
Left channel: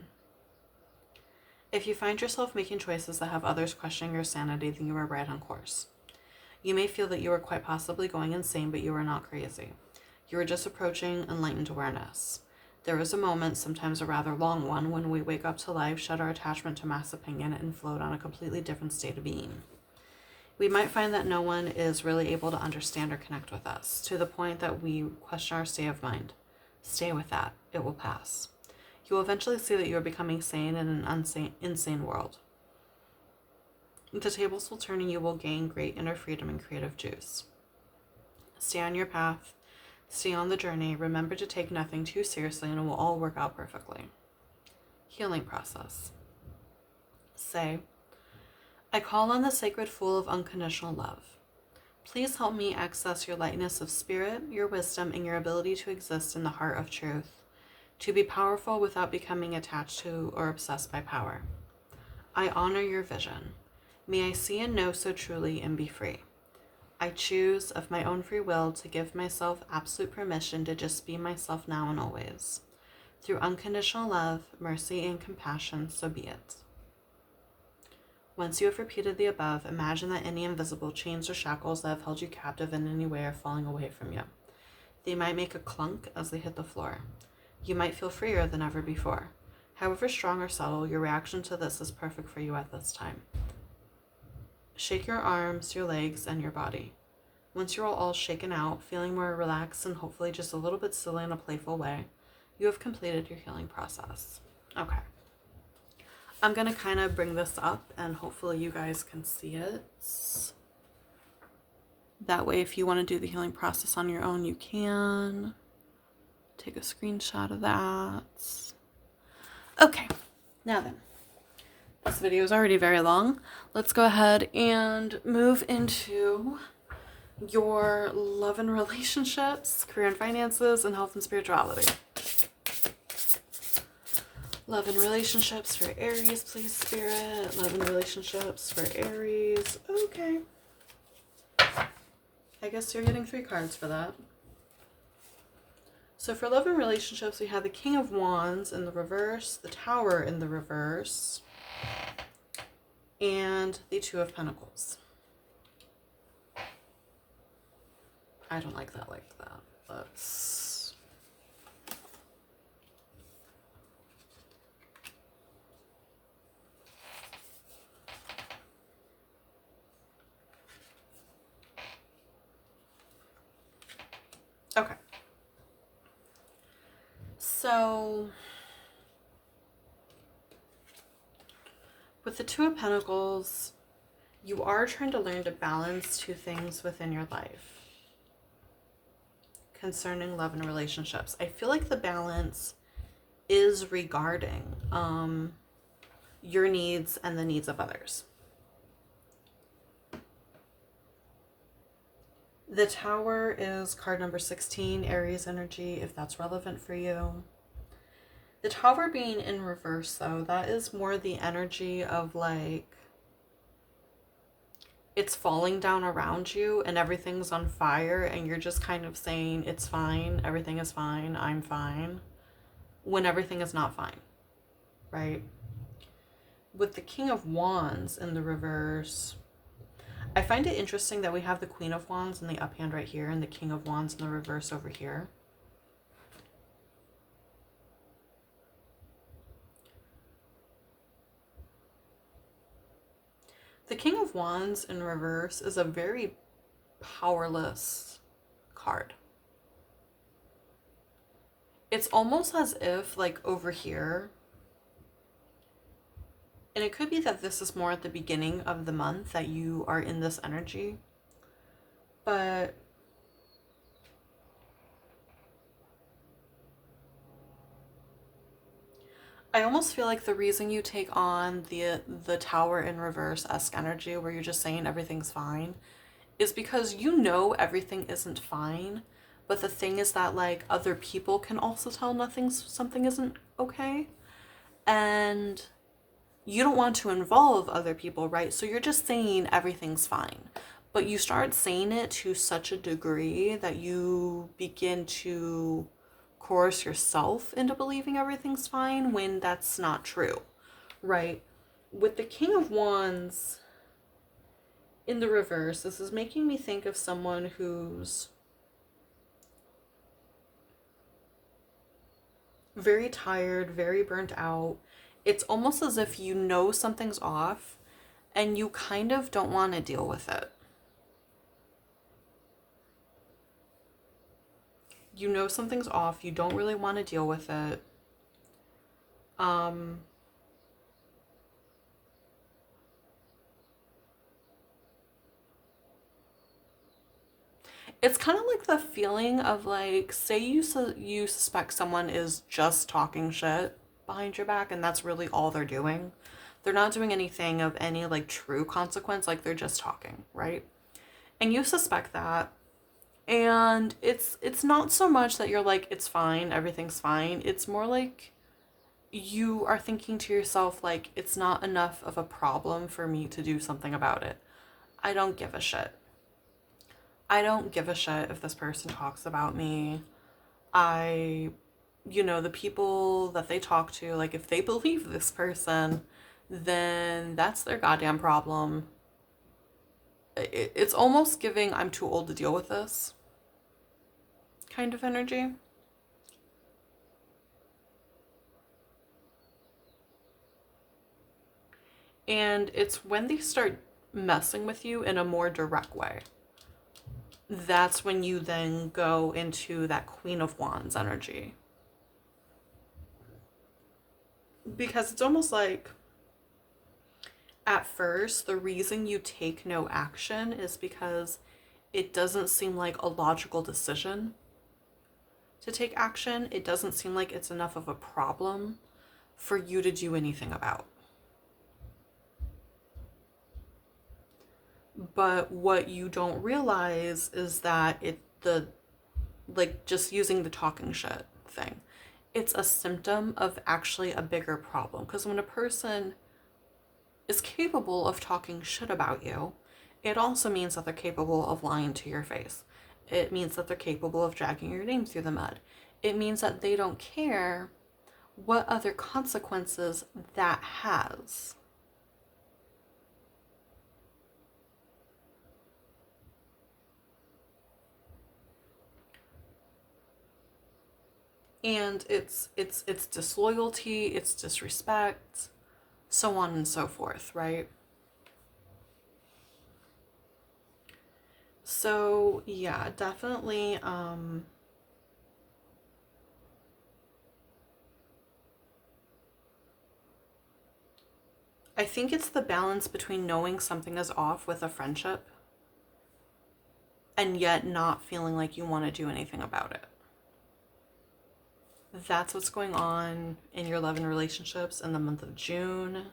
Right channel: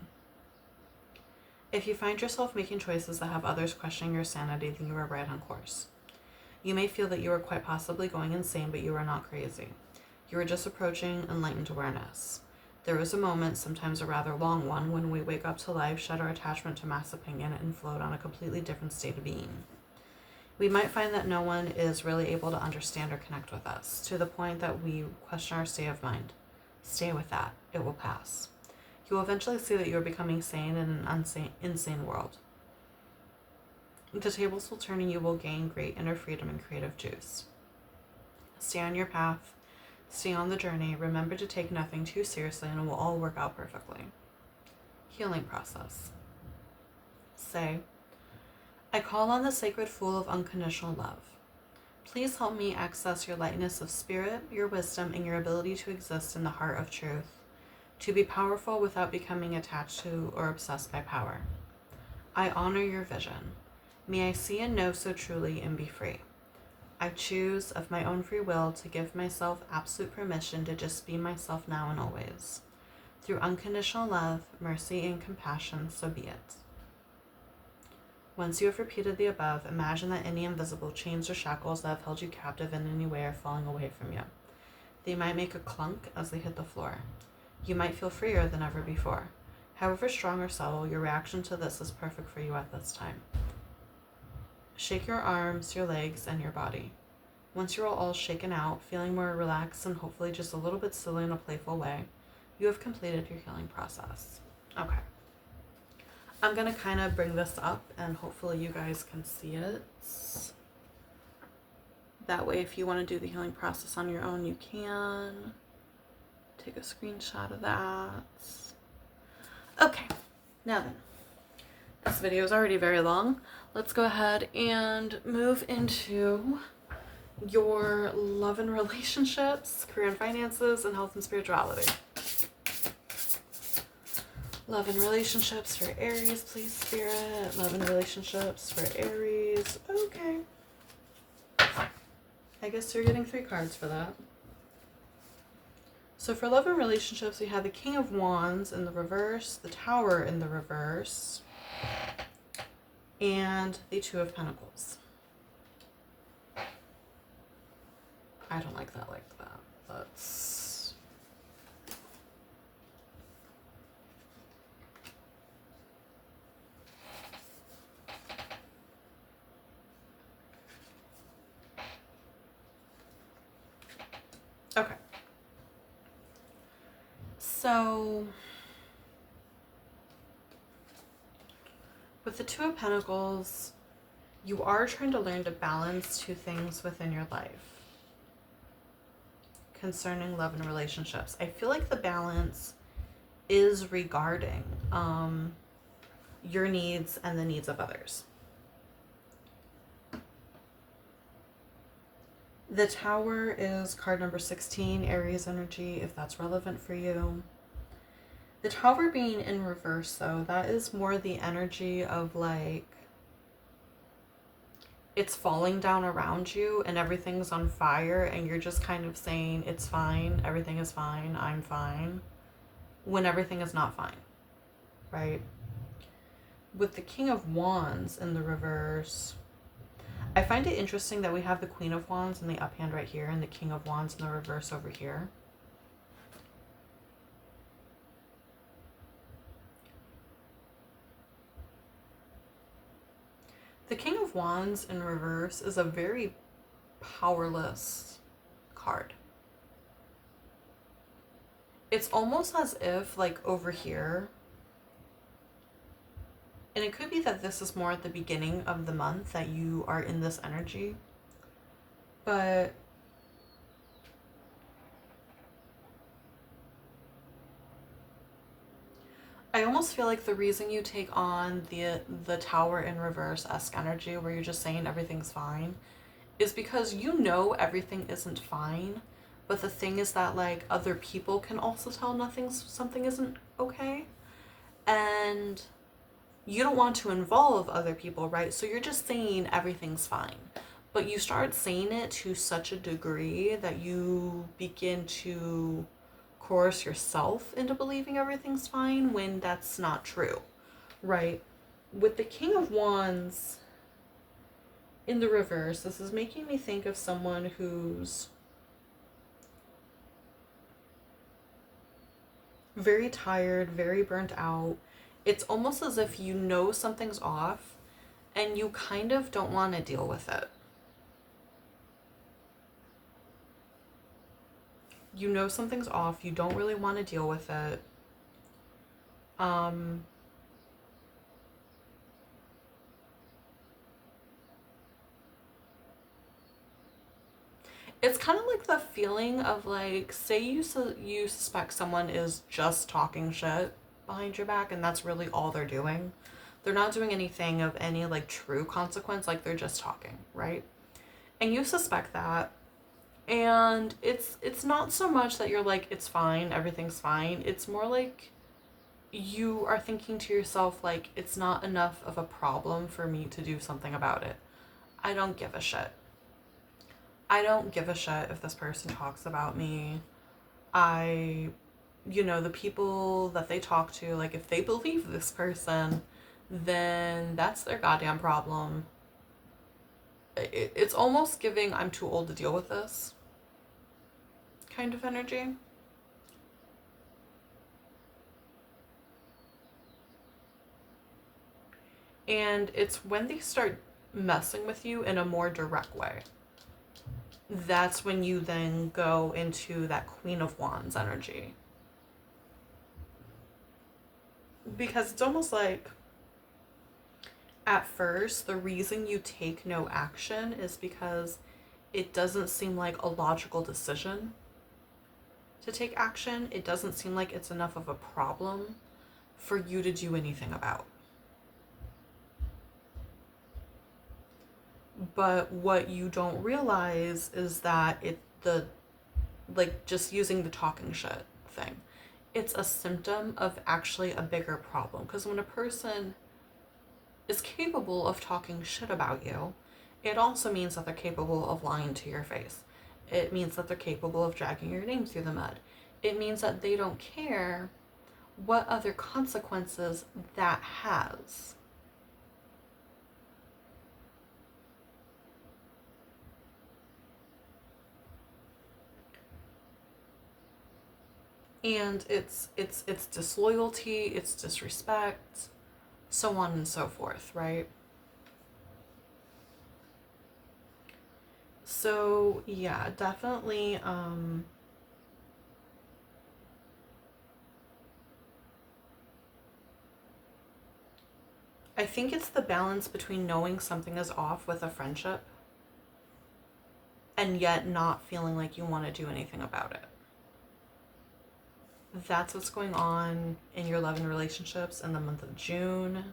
If you find yourself making choices that have others questioning your sanity, then you are right on course. You may feel that you are quite possibly going insane, but you are not crazy. You are just approaching enlightened awareness. There is a moment, sometimes a rather long one, when we wake up to life, shed our attachment to mass opinion, and float on a completely different state of being. We might find that no one is really able to understand or connect with us, to the point that we question our state of mind. Stay with that. It will pass. You will eventually see that you are becoming sane in an insane world. The tables will turn and you will gain great inner freedom and creative juice. Stay on your path. Stay on the journey. Remember to take nothing too seriously and it will all work out perfectly. Healing process. Say, I call on the sacred fool of unconditional love. Please help me access your lightness of spirit, your wisdom, and your ability to exist in the heart of truth, to be powerful without becoming attached to or obsessed by power. I honor your vision. May I see and know so truly and be free. I choose of my own free will to give myself absolute permission to just be myself now and always. Through unconditional love, mercy, and compassion, so be it. Once you have repeated the above, imagine that any invisible chains or shackles that have held you captive in any way are falling away from you. They might make a clunk as they hit the floor. You might feel freer than ever before. However strong or subtle, your reaction to this is perfect for you at this time. Shake your arms, your legs, and your body. Once you're all shaken out, feeling more relaxed and hopefully just a little bit silly in a playful way, you have completed your healing process. Okay. I'm going to kind of bring this up and hopefully you guys can see it. That way, if you want to do the healing process on your own, you can. Take a screenshot of that. Okay, now then. This video is already very long. Let's go ahead and move into your love and relationships, career and finances, and health and spirituality. Love and relationships for Aries, please, Spirit. Love and relationships for Aries. Okay. I guess you're getting 3 cards for that. So for love and relationships, we have the King of Wands in the reverse, the Tower in the reverse, and the Two of Pentacles. I don't like that like that. Let's... Okay. So... with the Two of Pentacles, you are trying to learn to balance 2 things within your life concerning love and relationships. I feel like the balance is regarding your needs and the needs of others. The Tower is card number 16, Aries energy, if that's relevant for you. The Tower being in reverse, though, that is more the energy of like, it's falling down around you and everything's on fire and you're just kind of saying, it's fine, everything is fine, I'm fine, when everything is not fine, right? With the King of Wands in the reverse, I find it interesting that we have the Queen of Wands in the up hand right here and the King of Wands in the reverse over here. The King of Wands in reverse is a very powerless card. It's almost as if, like, over here, and it could be that this is more at the beginning of the month that you are in this energy, but I almost feel like the reason you take on the tower in reverse-esque energy where you're just saying everything's fine is because you know everything isn't fine, but the thing is that like other people can also tell something isn't okay, and you don't want to involve other people, right? So you're just saying everything's fine. But you start saying it to such a degree that you begin to coerce yourself into believing everything's fine when that's not true, right? With the King of Wands in the reverse, this is making me think of someone who's very tired, very burnt out. It's almost as if you know something's off and you kind of don't want to deal with it. You know something's off, you don't really want to deal with it. Um it's kind of like the feeling of like, say you suspect someone is just talking shit behind your back and that's really all they're doing. They're not doing anything of any like true consequence, like they're just talking, right? And you suspect that, and it's not so much that you're like it's fine, everything's fine. It's more like you are thinking to yourself like it's not enough of a problem for me to do something about it. I don't give a shit. I don't give a shit if this person talks about me. I, the people that they talk to, like, if they believe this person, then that's their goddamn problem. It's almost giving I'm too old to deal with this kind of energy. And it's when they start messing with you in a more direct way. That's when you then go into that Queen of Wands energy. Because it's almost like at first, the reason you take no action is because it doesn't seem like a logical decision to take action. It doesn't seem like it's enough of a problem for you to do anything about. But what you don't realize is that like just using the talking shit thing, it's a symptom of actually a bigger problem. Because when a person is capable of talking shit about you, it also means that they're capable of lying to your face. It means that they're capable of dragging your name through the mud. It means that they don't care what other consequences that has. And it's disloyalty, it's disrespect, so on and so forth, right? So yeah, definitely I think it's the balance between knowing something is off with a friendship and yet not feeling like you want to do anything about it. That's what's going on in your love and relationships in the month of June,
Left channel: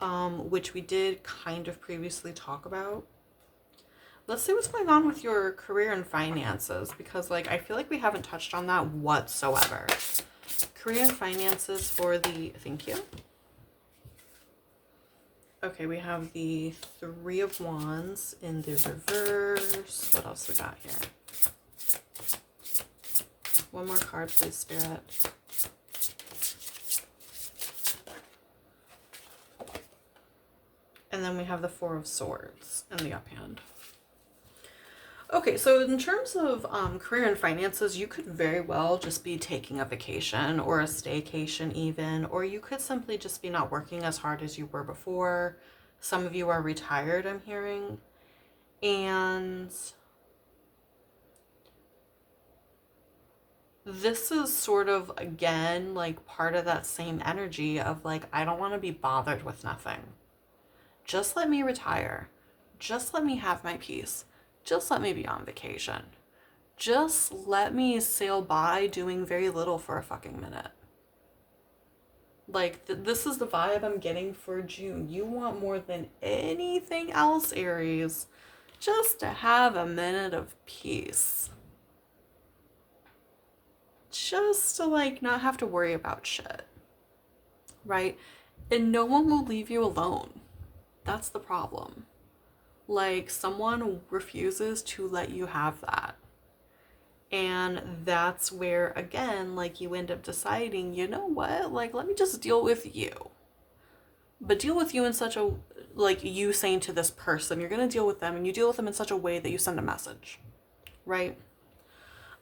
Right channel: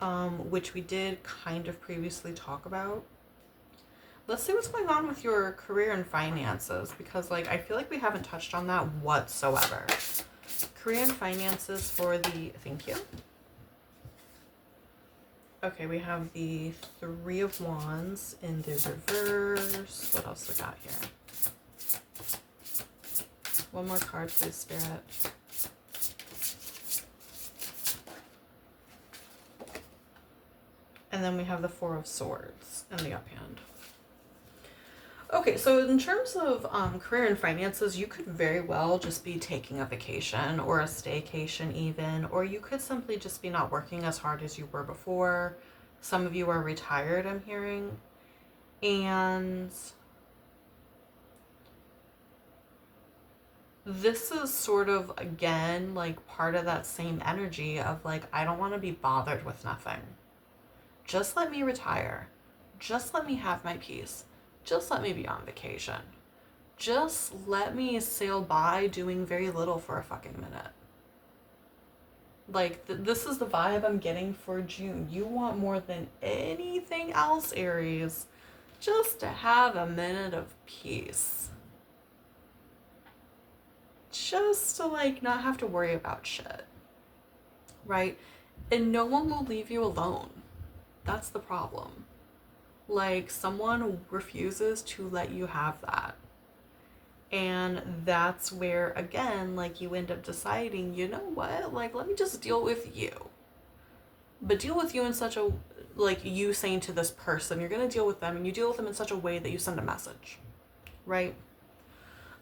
which we did kind of previously talk about. Let's see what's going on with your career and finances, because like I feel like we haven't touched on that whatsoever. Career and finances for the thank you. Okay, we have the Three of Wands in the reverse. What else we got here? One more card, please, Spirit. And then we have the Four of Swords in the uphand. Okay, so in terms of career and finances, you could very well just be taking a vacation or a staycation even, or you could simply just be not working as hard as you were before. Some of you are retired, I'm hearing. And this is sort of, again, like part of that same energy of like, I don't want to be bothered with nothing. Just let me retire. Just let me have my peace. Just let me be on vacation. Just let me sail by doing very little for a fucking minute. Like, this is the vibe I'm getting for June. You want more than anything else, Aries, just to have a minute of peace. Just to, like, not have to worry about shit, right? And no one will leave you alone. That's the problem. Like, someone refuses to let you have that. And that's where, again, like, you end up deciding, you know what? Like, let me just deal with you. But deal with you in such a, like, you saying to this person, you're going to deal with them, and you deal with them in such a way that you send a message, right?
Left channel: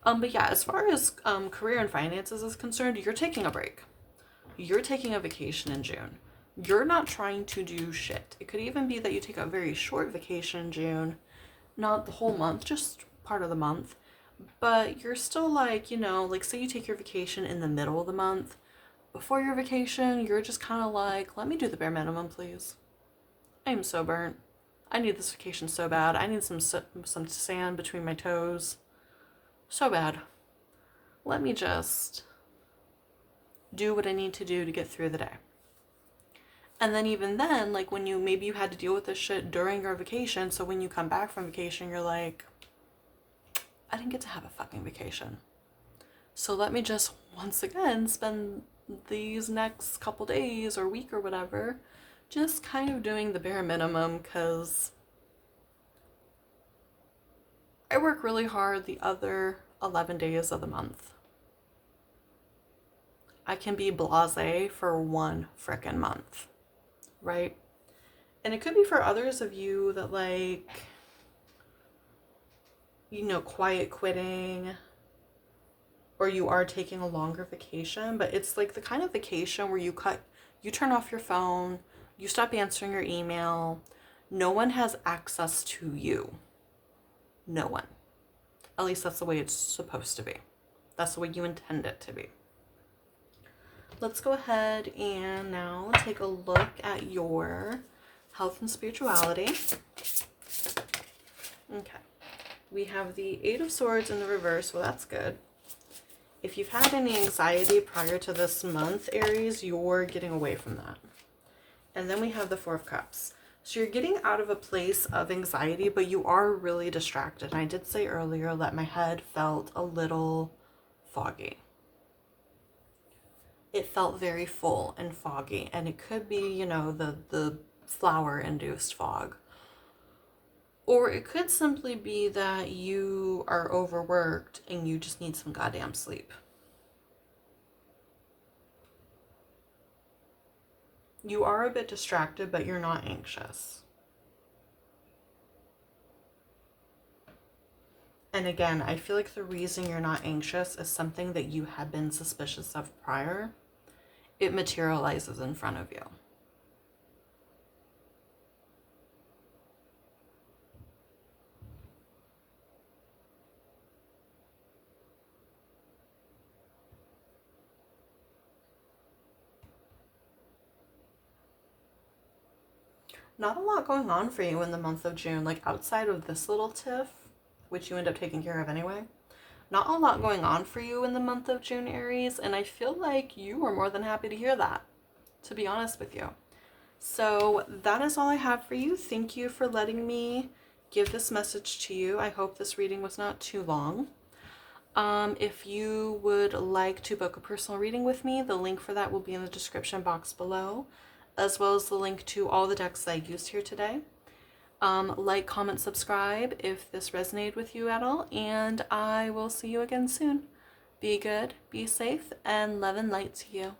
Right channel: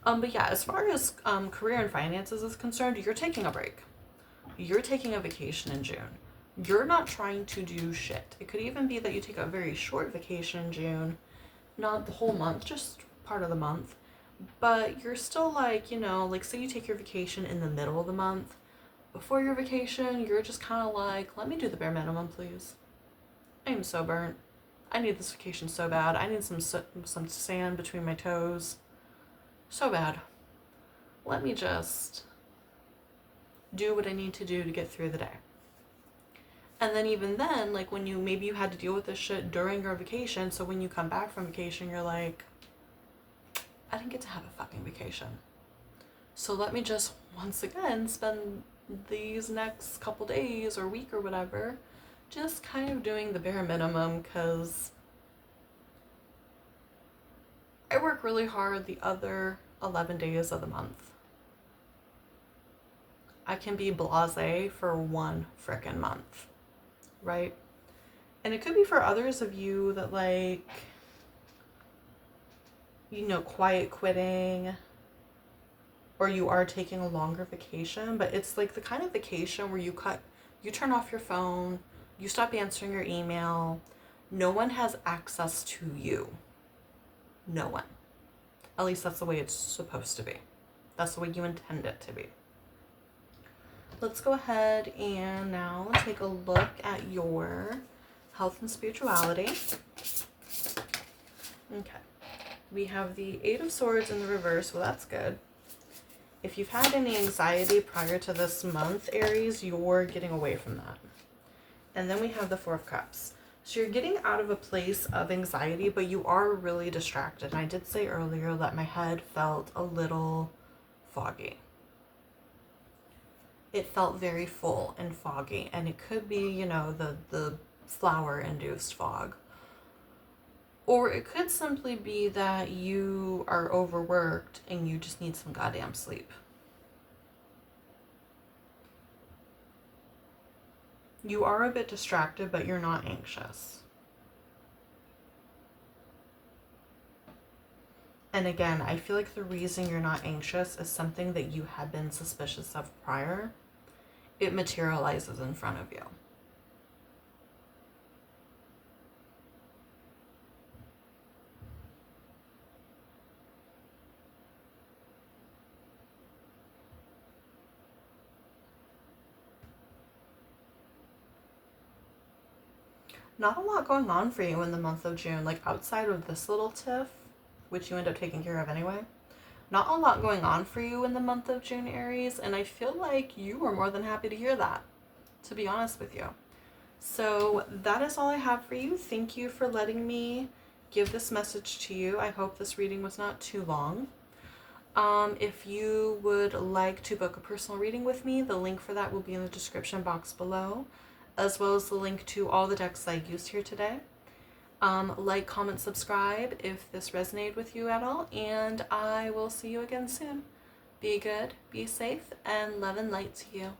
But yeah, as far as career and finances is concerned, you're taking a break. You're taking a vacation in June. You're not trying to do shit. It could even be that you take a very short vacation in June, not the whole month, just part of the month. But you're still like, like say you take your vacation in the middle of the month. Before your vacation, you're just kind of like, let me do the bare minimum, please. I am so burnt. I need this vacation so bad. I need some sand between my toes. So bad. Let me just do what I need to do to get through the day. And then even then, like when maybe you had to deal with this shit during your vacation, so when you come back from vacation, you're like, I didn't get to have a fucking vacation. So let me just once again spend these next couple days or week or whatever just kind of doing the bare minimum, because I work really hard the other 11 days of the month. I can be blasé for one frickin' month, right? And it could be for others of you that, like, quiet quitting, or you are taking a longer vacation, but it's like the kind of vacation where you turn off your phone, you stop answering your email, no one has access to you. No one. At least that's the way it's supposed to be. That's the way you intend it to be. Let's go ahead and now take a look at your health and spirituality. Okay. We have the Eight of Swords in the reverse. Well, that's good. If you've had any anxiety prior to this month, Aries, you're getting away from that. And then we have the Four of Cups. So you're getting out of a place of anxiety, but you are really distracted. And I did say earlier that my head felt a little foggy. It felt very full and foggy. And it could be, the flower-induced fog. Or it could simply be that you are overworked and you just need some goddamn sleep. You are a bit distracted, but you're not anxious. And again, I feel like the reason you're not anxious is something that you had been suspicious of prior. It materializes in front of you. Not a lot going on for you in the month of June, like outside of this little tiff, which you end up taking care of anyway. Not a lot going on for you in the month of June, Aries, and I feel like you are more than happy to hear that, to be honest with you. So that is all I have for you. Thank you for letting me give this message to you. I hope this reading was not too long. If you would like to book a personal reading with me, the link for that will be in the description box below, as well as the link to all the decks I used here today. Like, comment, subscribe if this resonated with you at all, and I will see you again soon. Be good, be safe, and love and light to you.